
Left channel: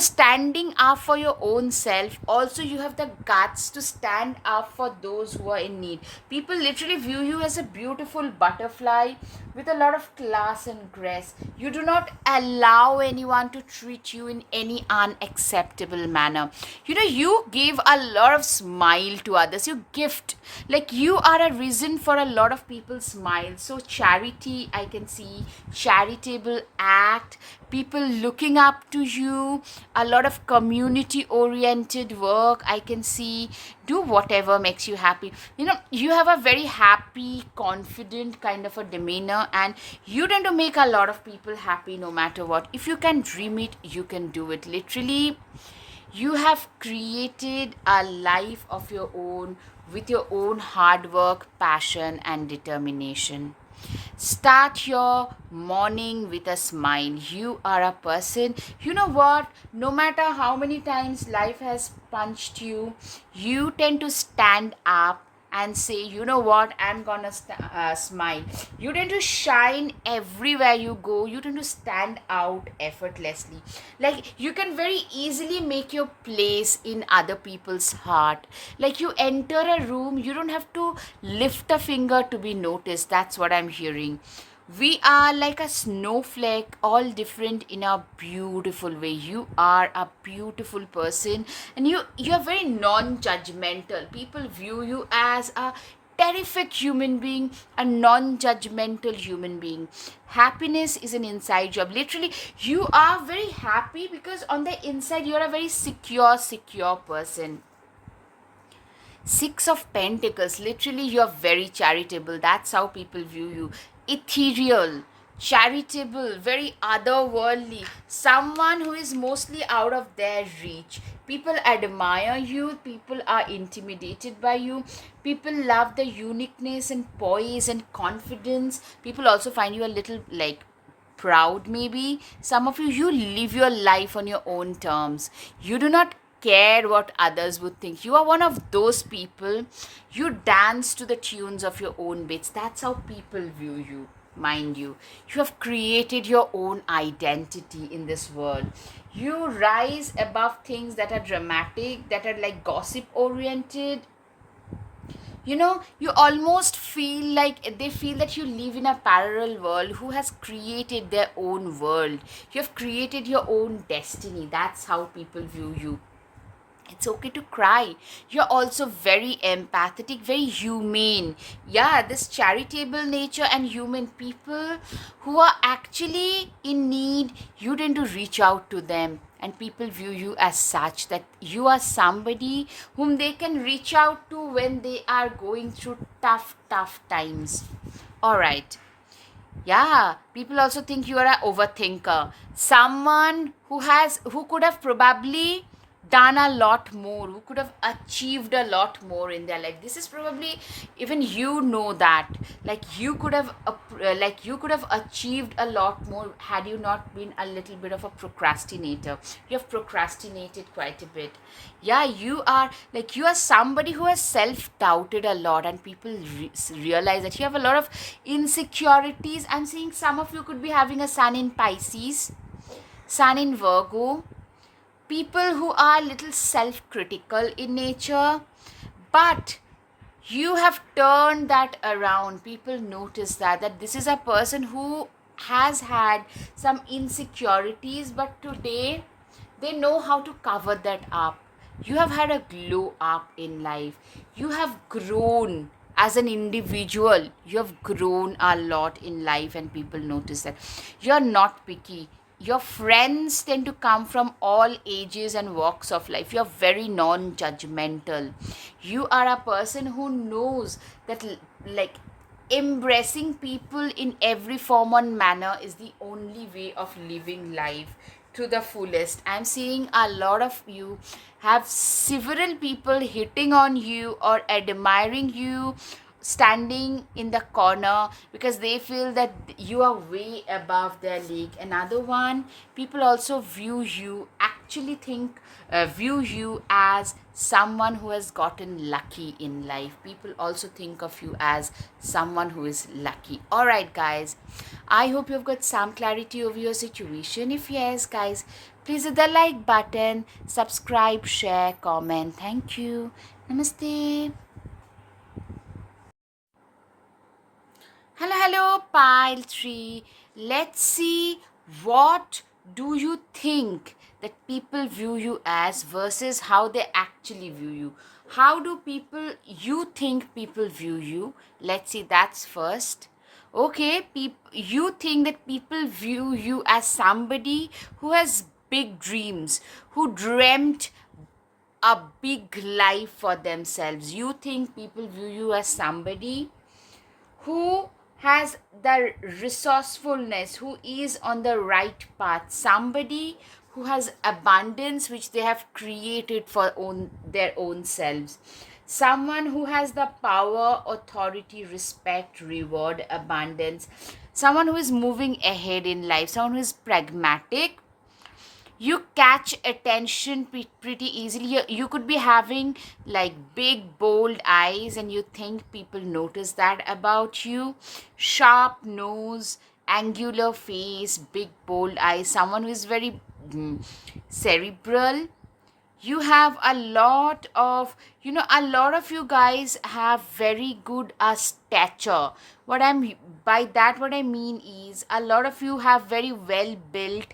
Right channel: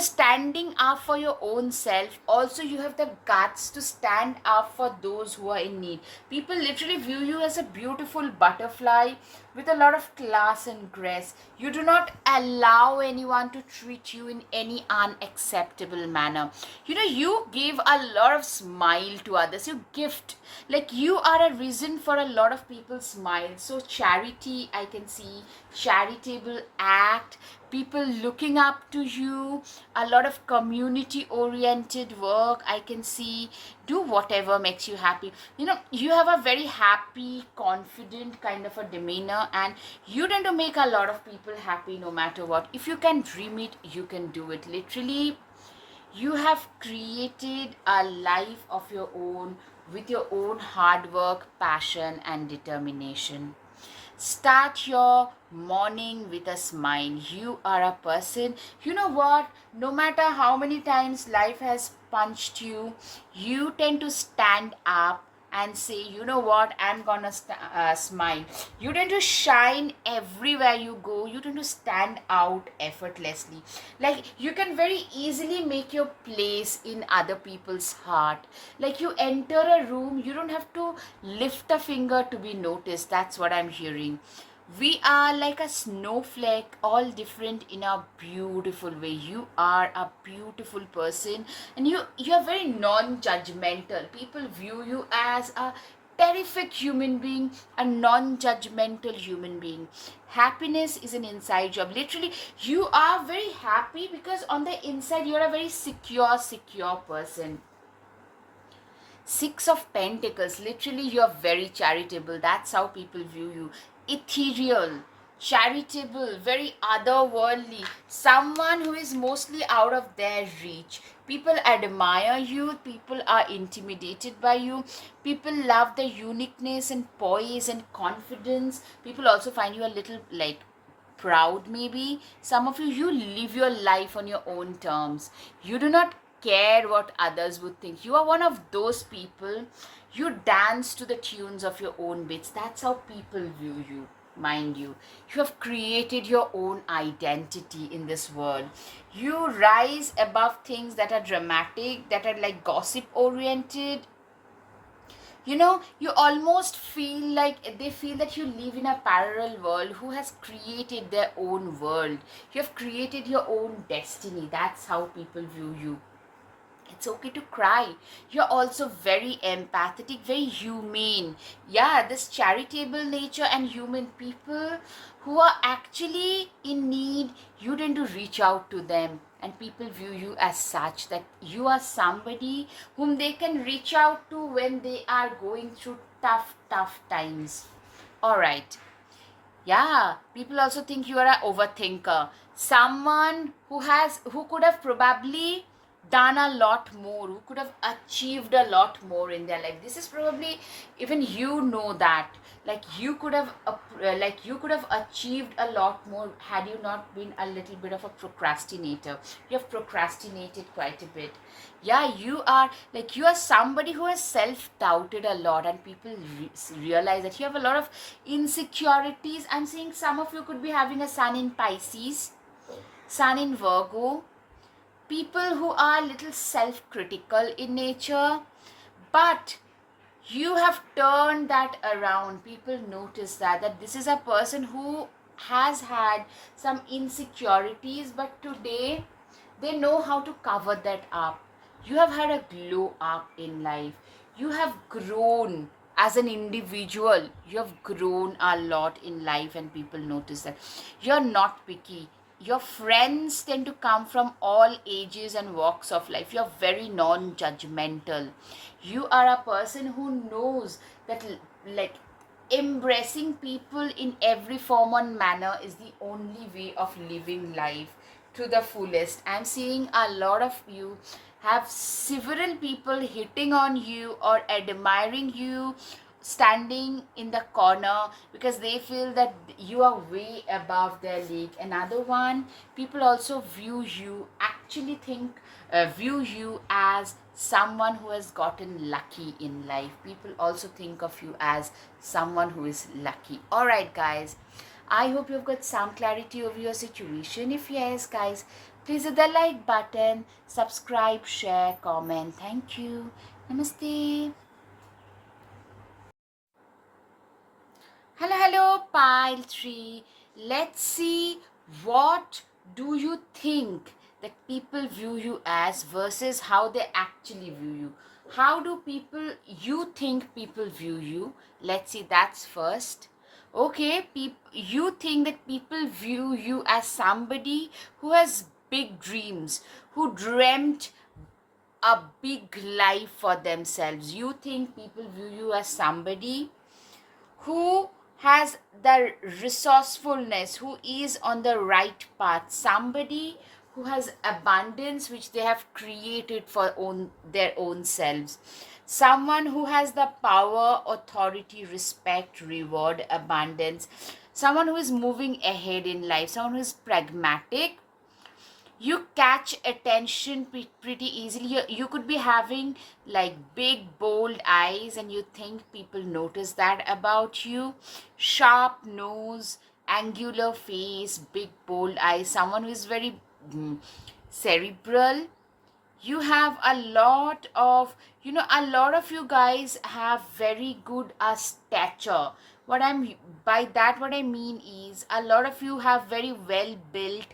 Standing up for your own self. Also, you have the guts to stand up for those who are in need. People literally view you as a beautiful butterfly with a lot of class and grace. You do not allow anyone to treat you in any unacceptable manner. You give a lot of smile to others. You gift, like, you are a reason for a lot of people's smile. So charity, I can see, charitable act, people looking up to you, a lot of community oriented work, I can see. Do whatever makes you happy. You have a very happy, confident kind of a demeanor, and you tend to make a lot of people happy no matter what. If you can dream it, you can do it. Literally, you have created a life of your own with your own hard work, passion, and determination. Start your morning with a smile. You are a person, you know what? No matter how many times life has punched you, you tend to stand up and say, you know what, I'm gonna smile. You tend to shine everywhere you go. You tend to stand out effortlessly. Like, you can very easily make your place in other people's heart. Like, you enter a room, you don't have to lift a finger to be noticed. That's what I'm hearing. We are like a snowflake, all different in a beautiful way. You are a beautiful person, and you're very non-judgmental. People view you as a terrific human being, a non-judgmental human being. Happiness is an inside job. Literally, you are very happy because on the inside you are a very secure person. Six of Pentacles, literally, you're very charitable. That's how people view you. Ethereal, charitable, very otherworldly. Someone who is mostly out of their reach. People admire you, people are intimidated by you, people love the uniqueness and poise and confidence. People also find you a little like proud, maybe. Some of you live your life on your own terms. You do not care what others would think. You are one of those people. You dance to the tunes of your own beats. That's how people view you. Mind you, you have created your own identity in this world. You rise above things that are dramatic, that are like gossip oriented. You almost feel like they feel that you live in a parallel world who has created their own world. You have created your own destiny. That's how people view you. It's okay to cry. You're also very empathetic, very humane. Yeah, this charitable nature and human people who are actually in need, you tend to reach out to them, and people view you as such, that you are somebody whom they can reach out to when they are going through tough times. All right. Yeah, people also think you are an overthinker. Someone who could have probably done a lot more, who could have achieved a lot more in their life. This is probably, even that, like you could have achieved a lot more had you not been a little bit of a procrastinator. You have procrastinated quite a bit. Yeah, you are somebody who has self-doubted a lot, and people realize that you have a lot of insecurities. I'm seeing some of you could be having a sun in Pisces, sun in Virgo, people who are a little self-critical in nature, but you have turned that around. People notice that this is a person who has had some insecurities, but today they know how to cover that up. You have had a glow up in life. You have grown as an individual. You have grown a lot in life, and people notice that. You're not picky. Your friends tend to come from all ages and walks of life. You're very non-judgmental. You are a person who knows that, like, embracing people in every form and manner is the only way of living life to the fullest. I'm seeing a lot of you have several people hitting on you or admiring you, standing in the corner because they feel that you are way above their league. Another one, people also view you as someone who has gotten lucky in life. People also think of you as someone who is lucky. All right, guys, I hope you've got some clarity over your situation. If yes, guys, please hit the like button, subscribe, share, comment. Thank you. Namaste. Hello, pile 3. Let's see, what do you think that people view you as versus how they actually view you? How do you think people view you? Let's see, that's first. Okay, you think that people view you as somebody who has big dreams, who dreamt a big life for themselves. You think people view you as somebody who has the resourcefulness, who is on the right path, somebody who has abundance which they have created for their own selves, someone who has the power, authority, respect, reward, abundance, someone who is moving ahead in life, someone who is pragmatic. You catch attention pretty easily. You could be having like big bold eyes, and you think people notice that about you. Sharp nose, angular face, big bold eyes, someone who is very cerebral. You have a lot of you guys have very good stature. What I mean is, a lot of you have very well built,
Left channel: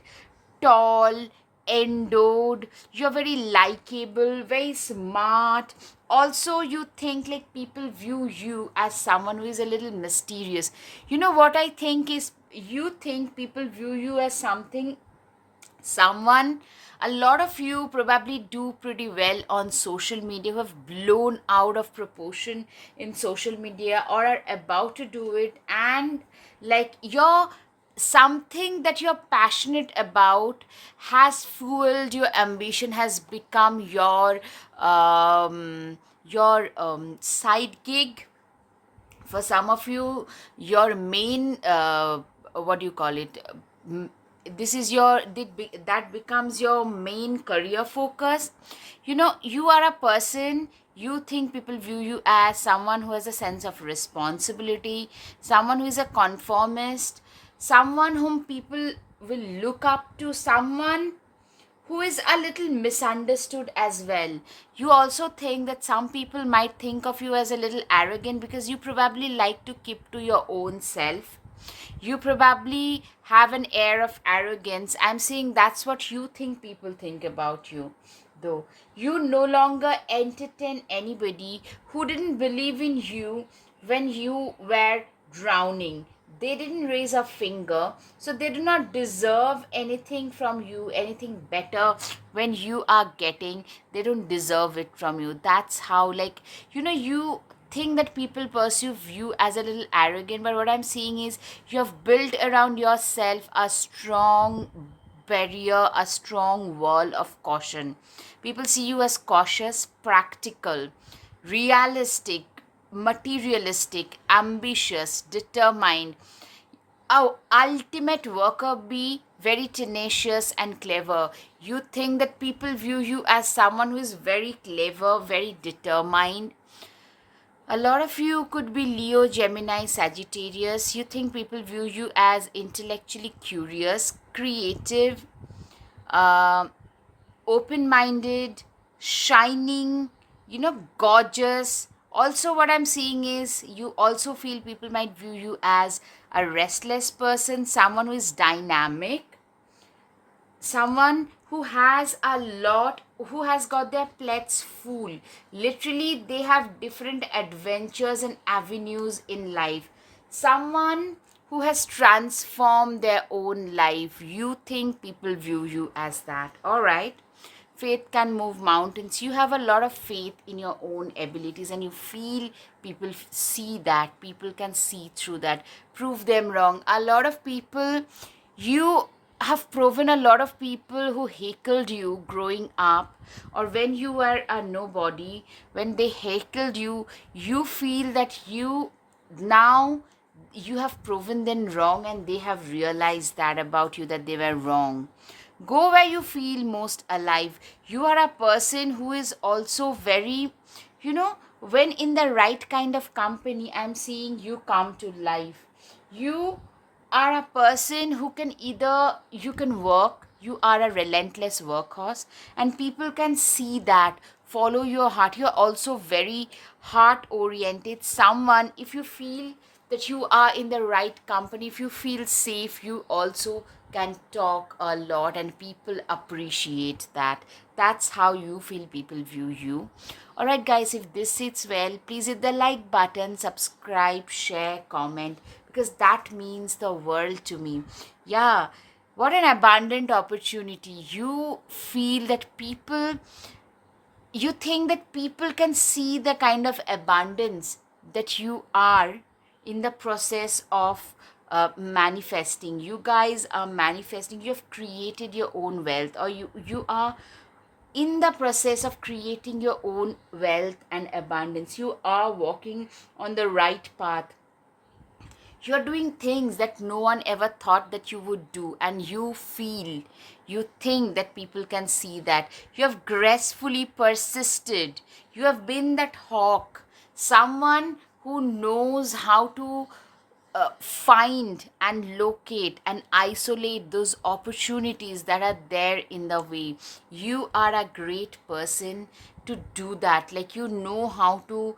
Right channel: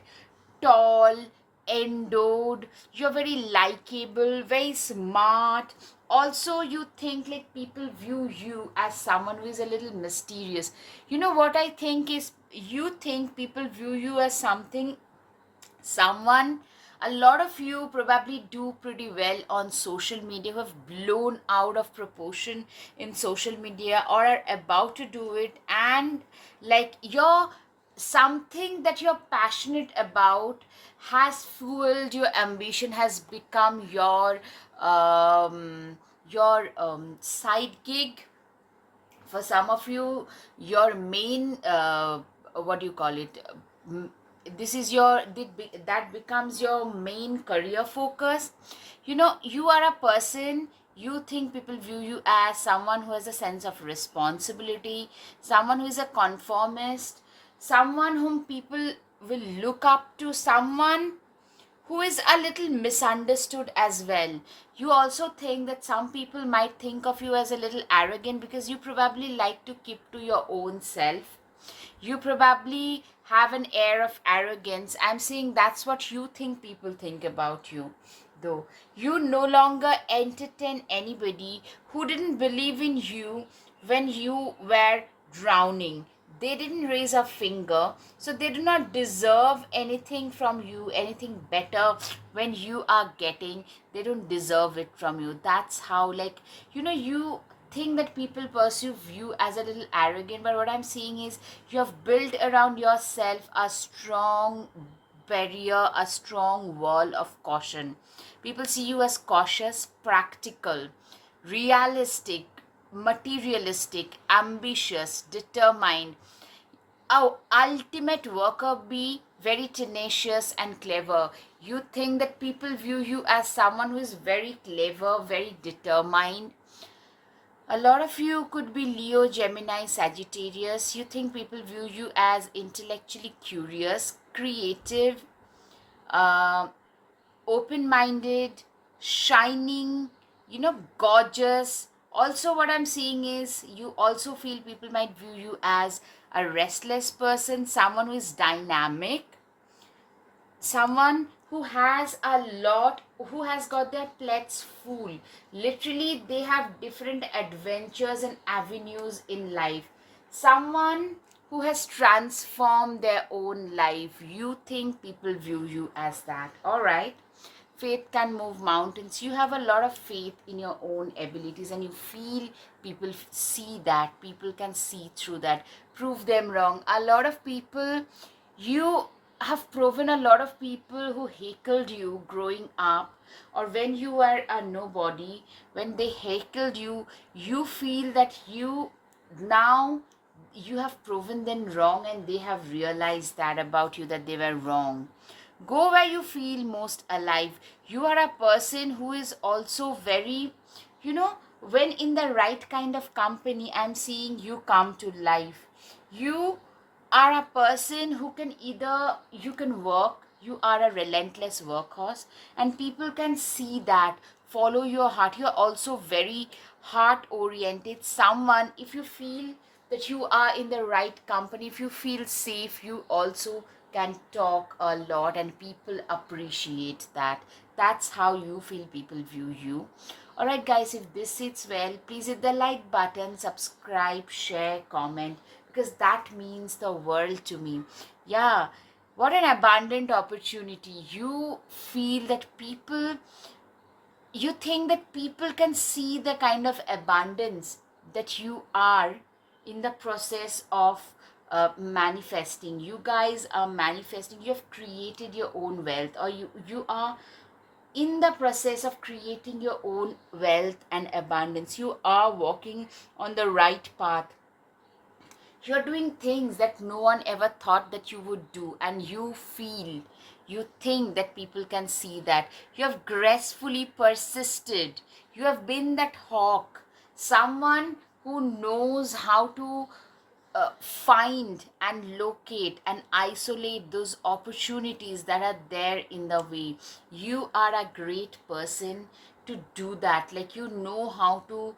tall, endowed. You're very likable, very smart, Also, you think like people view you as someone who is a little mysterious. You know what I think is, you think people view you as someone, a lot of you probably do pretty well on social media, who have blown out of proportion in social media or are about to do it, and like you're something that you're passionate about has fueled your ambition, has become side gig. For some of you, your main what do you call it, m- this is your that becomes your main career focus. You know, you are a person, you think people view you as someone who has a sense of responsibility, someone who is a conformist, someone whom people will look up to, someone who is a little misunderstood as well. You also think that some people might think of you as a little arrogant because you probably like to keep to your own self. You probably have an air of arrogance. I'm saying that's what you think people think about you. Though you no longer entertain anybody who didn't believe in you when you were drowning. They didn't raise a finger, so they do not deserve anything from you, anything better when you are getting. They don't deserve it from you. That's how, like, you think that people perceive you as a little arrogant, but what I'm seeing is you have built around yourself a strong barrier, a strong wall of caution. People see you as cautious, practical, realistic, materialistic, ambitious, determined. Our ultimate worker, be very tenacious and clever. You think that people view you as someone who is very clever, very determined. A lot of you could be Leo, Gemini, Sagittarius. You think people view you as intellectually curious, creative, uh, open minded, shining, gorgeous. Also, what I'm seeing is you also feel people might view you as a restless person, someone who is dynamic, someone who has a lot, who has got their plates full. Literally, they have different adventures and avenues in life. Someone who has transformed their own life. You think people view you as that. All right. Faith can move mountains. You have a lot of faith in your own abilities, and you feel people see that, people can see through that. Prove them wrong. A lot of people, you have proven a lot of people who heckled you growing up, or when you were a nobody, when they heckled you, you feel that now you have proven them wrong, and they have realized that about you, that they were wrong. Go where you feel most alive. You are a person who is also very, when in the right kind of company, I'm seeing you come to life. You are a person who can either, you can work, you are a relentless workhorse, and people can see that, follow your heart. You're also very heart oriented. Someone, if you feel that you are in the right company, if you feel safe, you also can talk a lot, and people appreciate that. That's how you feel people view you. Alright, guys, if this sits well, please hit the like button, subscribe, share, comment, because that means the world to me. Yeah, what an abundant opportunity. You feel that people, you think that people can see the kind of abundance that you are in the process of manifesting. You guys are manifesting, you have created your own wealth, or you are in the process of creating your own wealth and abundance. You are walking on the right path. You're doing things that no one ever thought that you would do, and you think that people can see that. You have gracefully persisted. You have been that hawk, someone who knows how to find and locate and isolate those opportunities that are there in the way. You are a great person to do that. Like, you know how to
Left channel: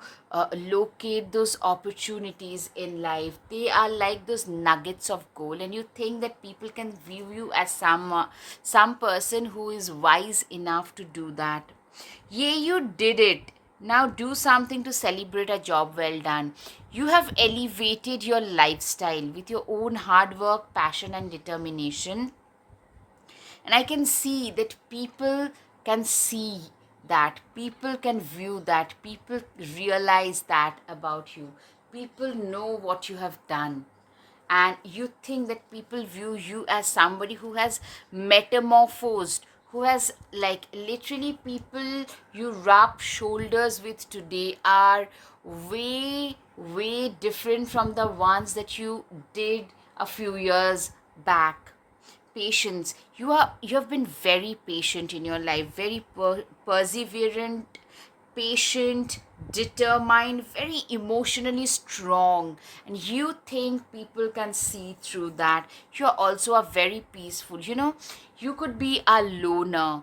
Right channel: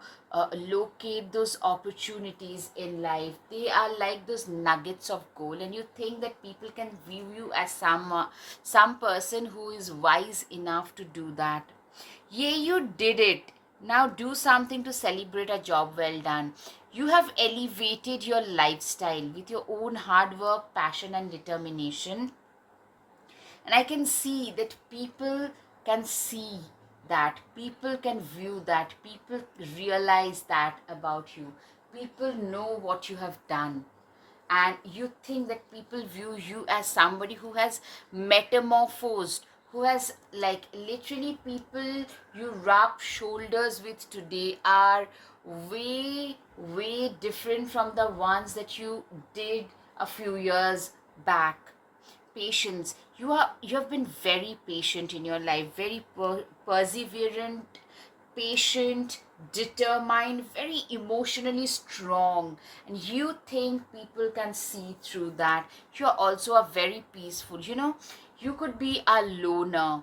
locate those opportunities in life. They are like those nuggets of gold, and you think that people can view you as some person who is wise enough to do that. Yeah, you did it. Now do something to celebrate a job well done. You have elevated your lifestyle with your own hard work, passion, and determination. And I can see that people can see that, people can view that, people realize that about you. People know what you have done. And you think that people view you as somebody who has metamorphosed, who has, like, literally, people you rub shoulders with today are way different from the ones that you did a few years back. Patience, you have been very patient in your life, very perseverant, patient, determined, very emotionally strong, and you think people can see through that. You're also a very peaceful, you could be a loner,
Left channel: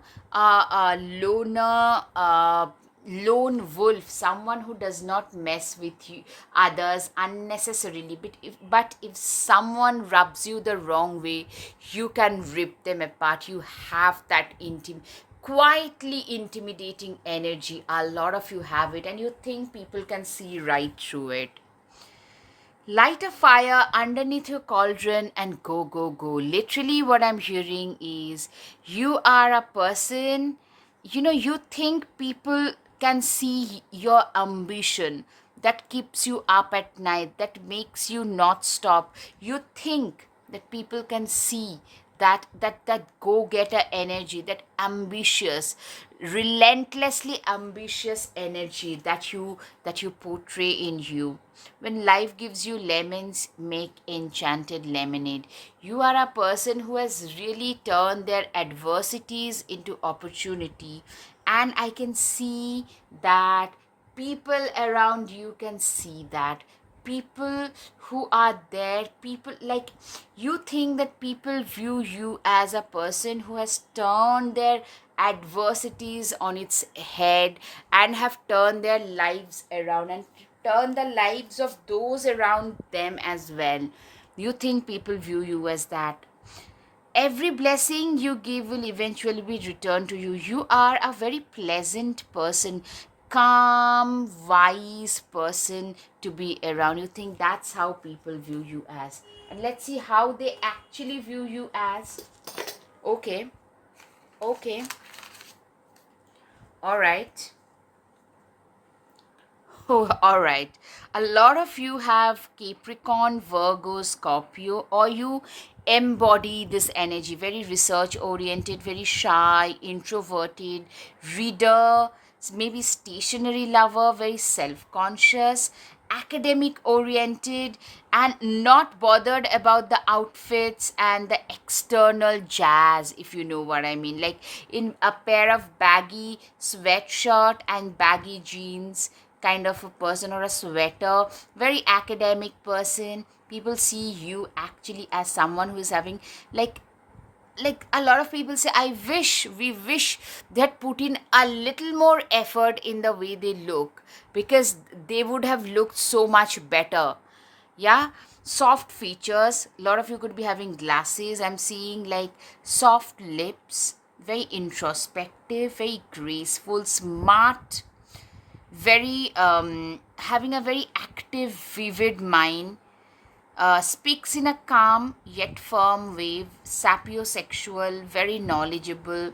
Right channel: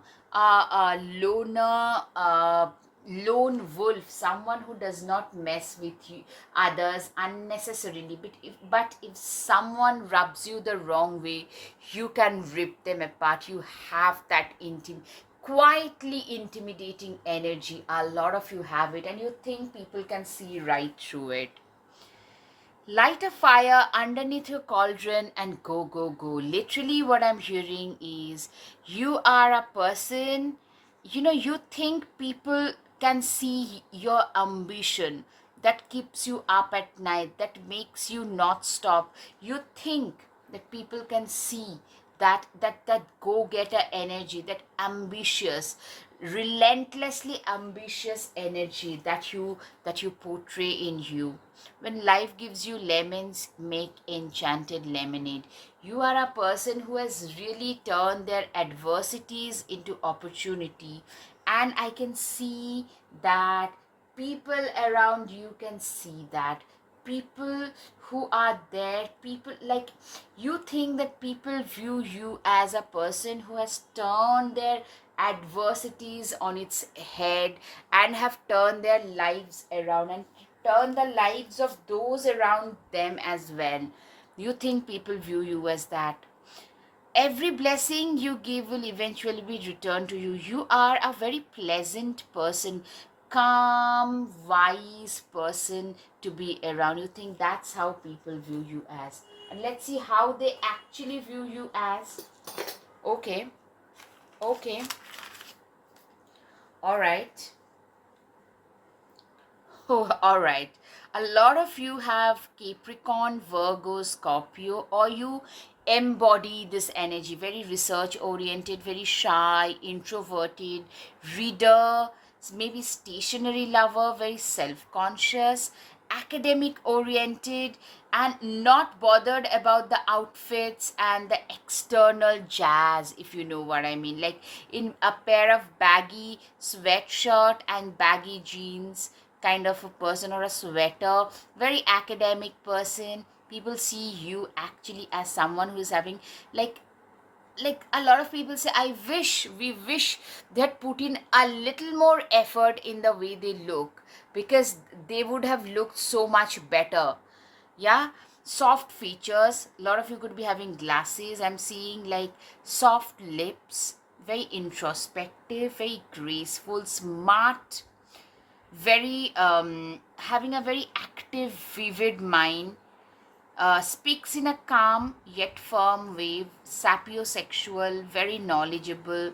lone wolf, someone who does not mess with you others unnecessarily. But if someone rubs you the wrong way, you can rip them apart. You have that quietly intimidating energy. A lot of you have it, and you think people can see right through it. Light a fire underneath your cauldron and go, go, go. Literally, what I'm hearing is you are a person, you think people can see your ambition that keeps you up at night, that makes you not stop. You think that people can see that go-getter energy, that ambitious, relentlessly ambitious energy that you portray in you. When life gives you lemons, make enchanted lemonade. You are a person who has really turned their adversities into opportunity, and I can see that people around you can see that. People who are there, people, like, you think that people view you as a person who has turned their adversities on its head and have turned their lives around and turn the lives of those around them as well. You think people view you as that. Every blessing you give will eventually be returned to you. You are a very pleasant person, calm, wise person to be around. You think that's how people view you as. And let's see how they actually view you as. Okay, okay, all right. Oh, all right. A lot of you have Capricorn, Virgo, Scorpio, or you embody this energy. Very research oriented, very shy, introverted, reader, maybe stationary lover, very self conscious, academic oriented, and not bothered about the outfits and the external jazz, if you know what I mean. Like in a pair of baggy sweatshirt and baggy jeans kind of a person, or a sweater, very academic person. People see you actually as someone who is having, like a lot of people say, we wish they had put in a little more effort in the way they look, because they would have looked so much better. Yeah. Soft features, a lot of you could be having glasses. I'm seeing like soft lips, very introspective, very graceful, smart, very having a very active, vivid mind, speaks in a calm yet firm way, sapiosexual, very knowledgeable,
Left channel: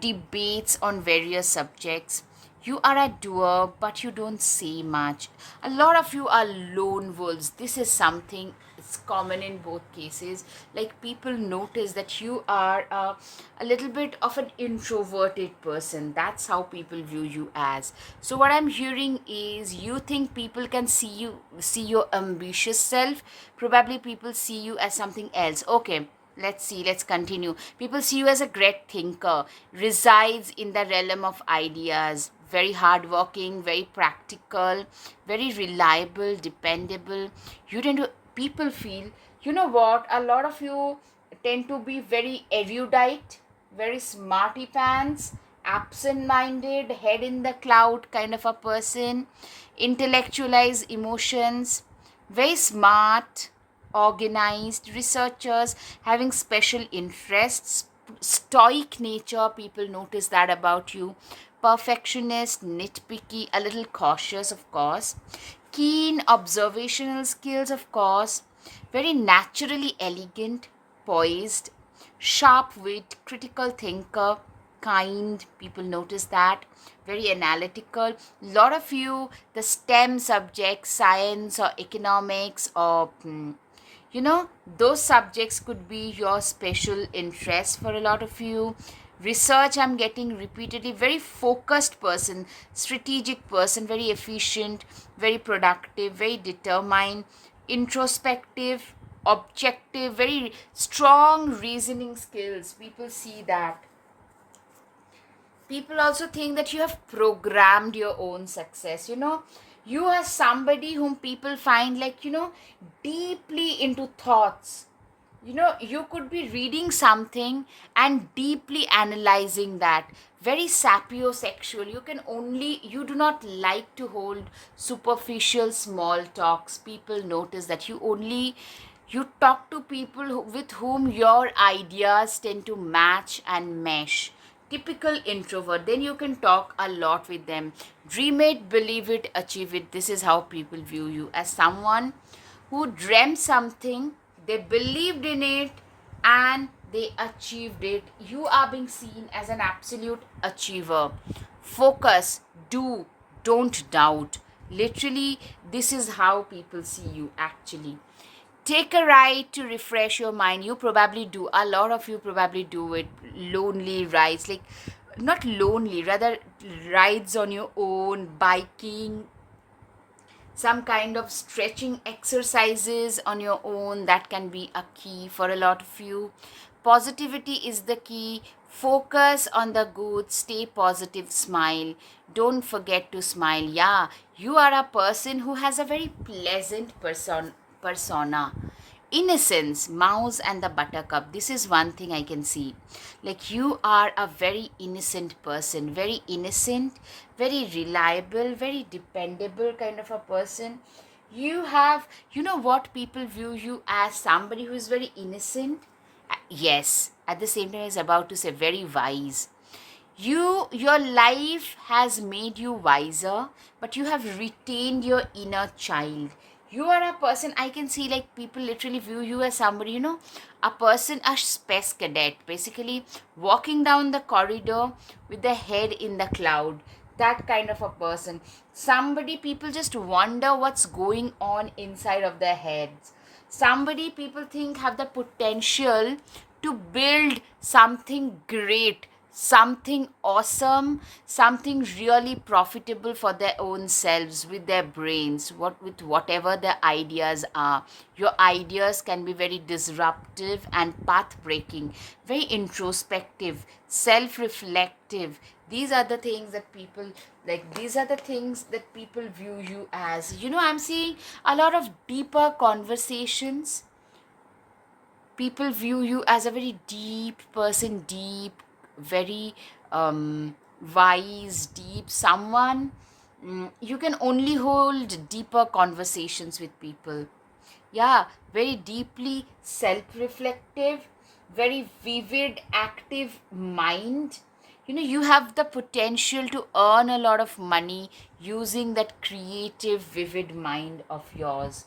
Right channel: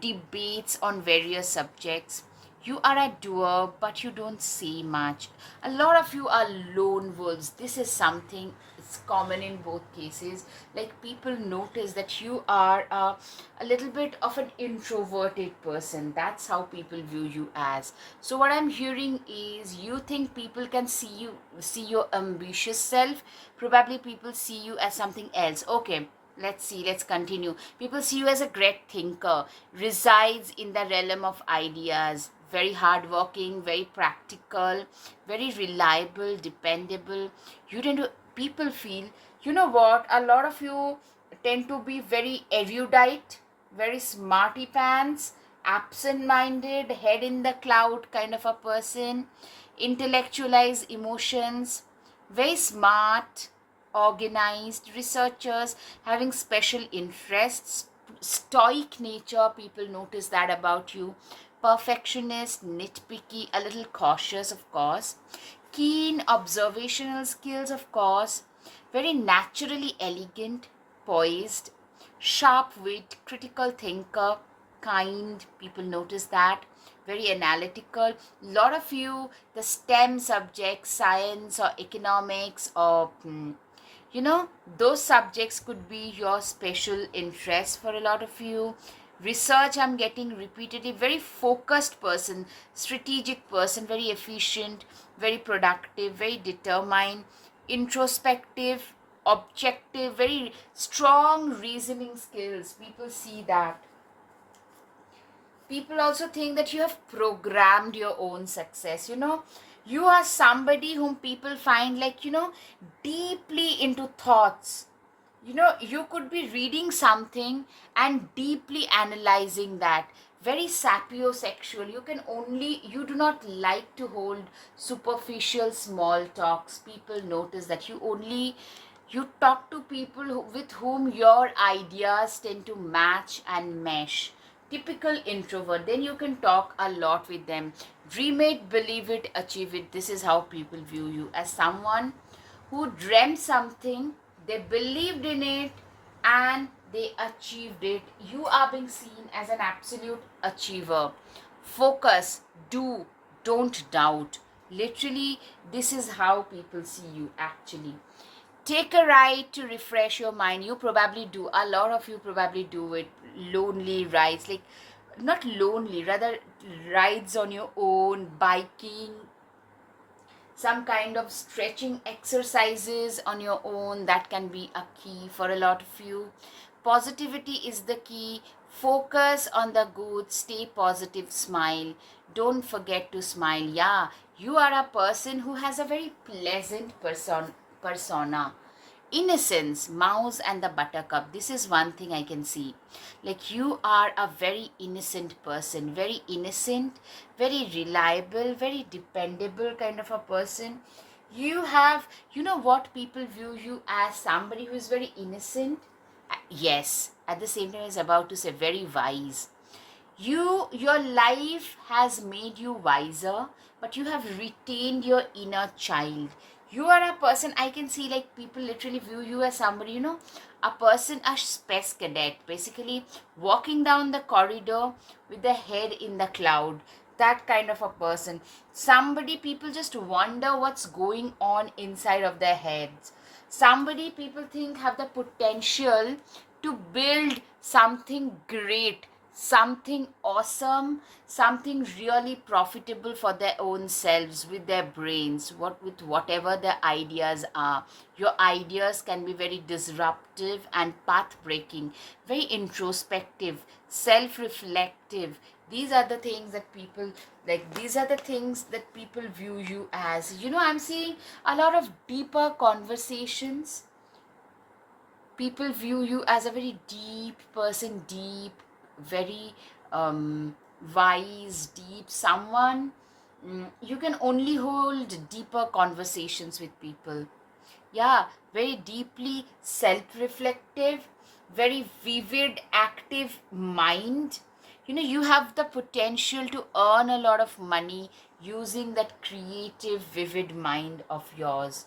debates on various subjects. You are a doer, but you don't say much. A lot of you are lone wolves. This is something, it's common in both cases. Like, people notice that you are a little bit of an introverted person. That's how people view you as. So what I'm hearing is you think people can see your ambitious self. Probably people see you as something else. Okay, let's see, let's continue. People see you as a great thinker, resides in the realm of ideas, very hardworking, very practical, very reliable, dependable. You tend to, people feel, you know what, a lot of you tend to be very erudite, very smarty pants, absent minded, head in the cloud kind of a person, intellectualize emotions, very smart, organized, researchers, having special interests, stoic nature. People notice that about you. perfectionist, nitpicky, a little cautious, of course, keen observational skills, of course, very naturally elegant, poised, sharp wit, critical thinker, kind, people notice that, very analytical. Lot of you, the STEM subjects, science or economics or those subjects could be your special interest for a lot of you. Research, I'm getting repeatedly, very focused person, strategic person, very efficient, very productive, very determined, introspective, objective, very strong reasoning skills. People see that. People also think that you have programmed your own success. You are somebody whom people find like, deeply into thoughts. You could be reading something and deeply analyzing that. Very sapiosexual. You do not like to hold superficial small talks. People notice that you talk to people with whom your ideas tend to match and mesh. Typical introvert, then you can talk a lot with them. Dream it, believe it, achieve it. This is how people view you, as someone who dreamt something, they believed in it, and they achieved it. You are being seen as an absolute achiever. Focus, do, don't doubt. Literally, this is how people see you actually. Take a ride to refresh your mind. You probably do. A lot of you probably do it. Lonely rides, like not lonely, rather rides on your own, biking, some kind of stretching exercises on your own. That can be a key for a lot of you. Positivity is the key. Focus on the good, stay positive, smile. Don't forget to smile. Yeah, you are a person who has a very pleasant persona. Innocence, Mouse and the Buttercup. This is one thing I can see. Like, you are a very innocent person, very innocent, very reliable, very dependable kind of a person. What people view you as, somebody who is very innocent. Yes, at the same time, I was about to say very wise. Your life has made you wiser, but you have retained your inner child. You are a person, I can see, like, people literally view you as somebody, a person, a space cadet, basically walking down the corridor with their head in the cloud. That kind of a person. Somebody people just wonder what's going on inside of their heads. Somebody people think have the potential to build something great, something awesome, something really profitable for their own selves with their brains, with whatever their ideas are. Your ideas can be very disruptive and path breaking, very introspective, self reflective. These are the things that people like, these are the things that people view you as. I'm seeing a lot of deeper conversations. People view you as a very deep person, deep, very wise, deep someone. You can only hold deeper conversations with people. Yeah, very deeply self-reflective, very vivid, active mind. You have the potential to earn a lot of money using that creative, vivid mind of yours.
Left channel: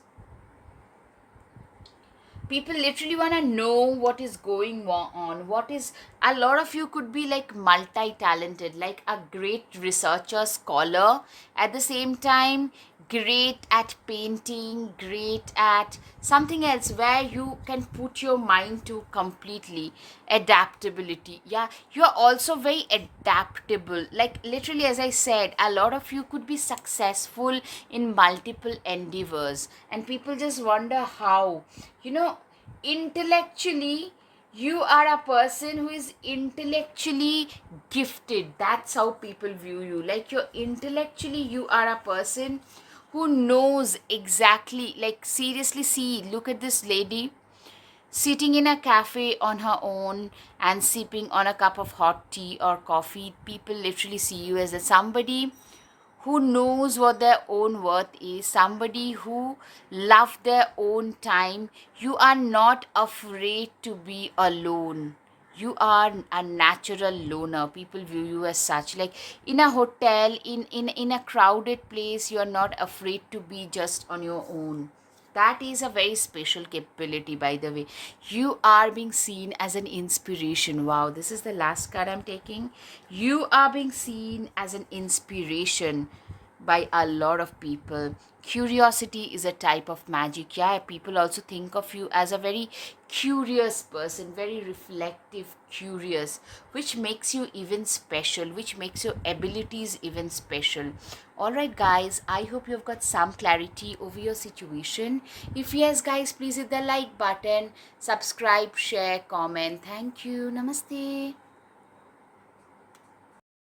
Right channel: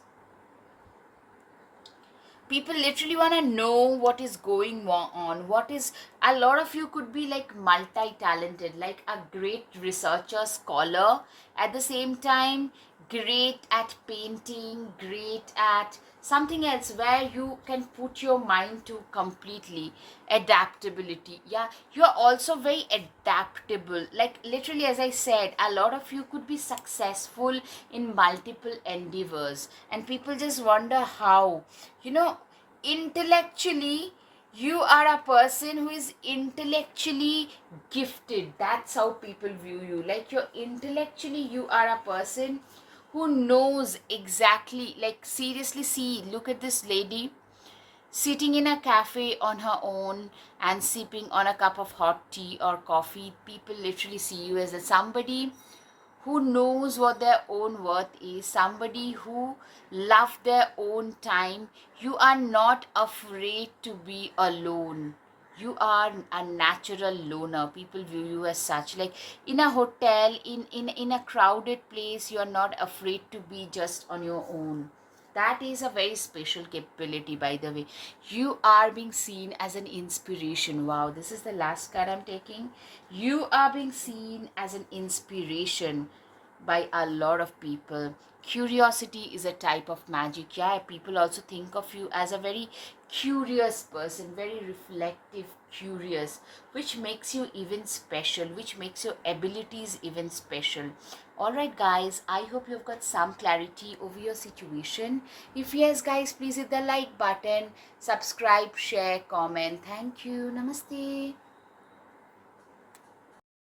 People literally want to know what is going on. What is A lot of you could be like multi-talented, like a great researcher, scholar, at the same time great at painting, great at something else where you can put your mind to completely. Adaptability, yeah, you're also very adaptable. Like, literally, as I said, a lot of you could be successful in multiple endeavors, and people just wonder how. Intellectually, you are a person who is intellectually gifted. That's how people view you. Like, you are a person who knows exactly, like, seriously, see, look at this lady sitting in a cafe on her own and sipping on a cup of hot tea or coffee. People literally see you as somebody who knows what their own worth is, somebody who love their own time. You are not afraid to be alone. You are a natural loner. People view you as such. Like in a hotel, in a crowded place, you are not afraid to be just on your own. That is a very special capability, by the way. You are being seen as an inspiration. Wow, this is the last card I'm taking. You are being seen as an inspiration by a lot of people. Curiosity is a type of magic. Yeah, people also think of you as a very curious person, very reflective, curious, which makes you even special, which makes your abilities even special. All right, guys, I hope you've got some clarity over your situation. If yes, guys, please hit the like button, subscribe, share, comment. Thank you. Namaste.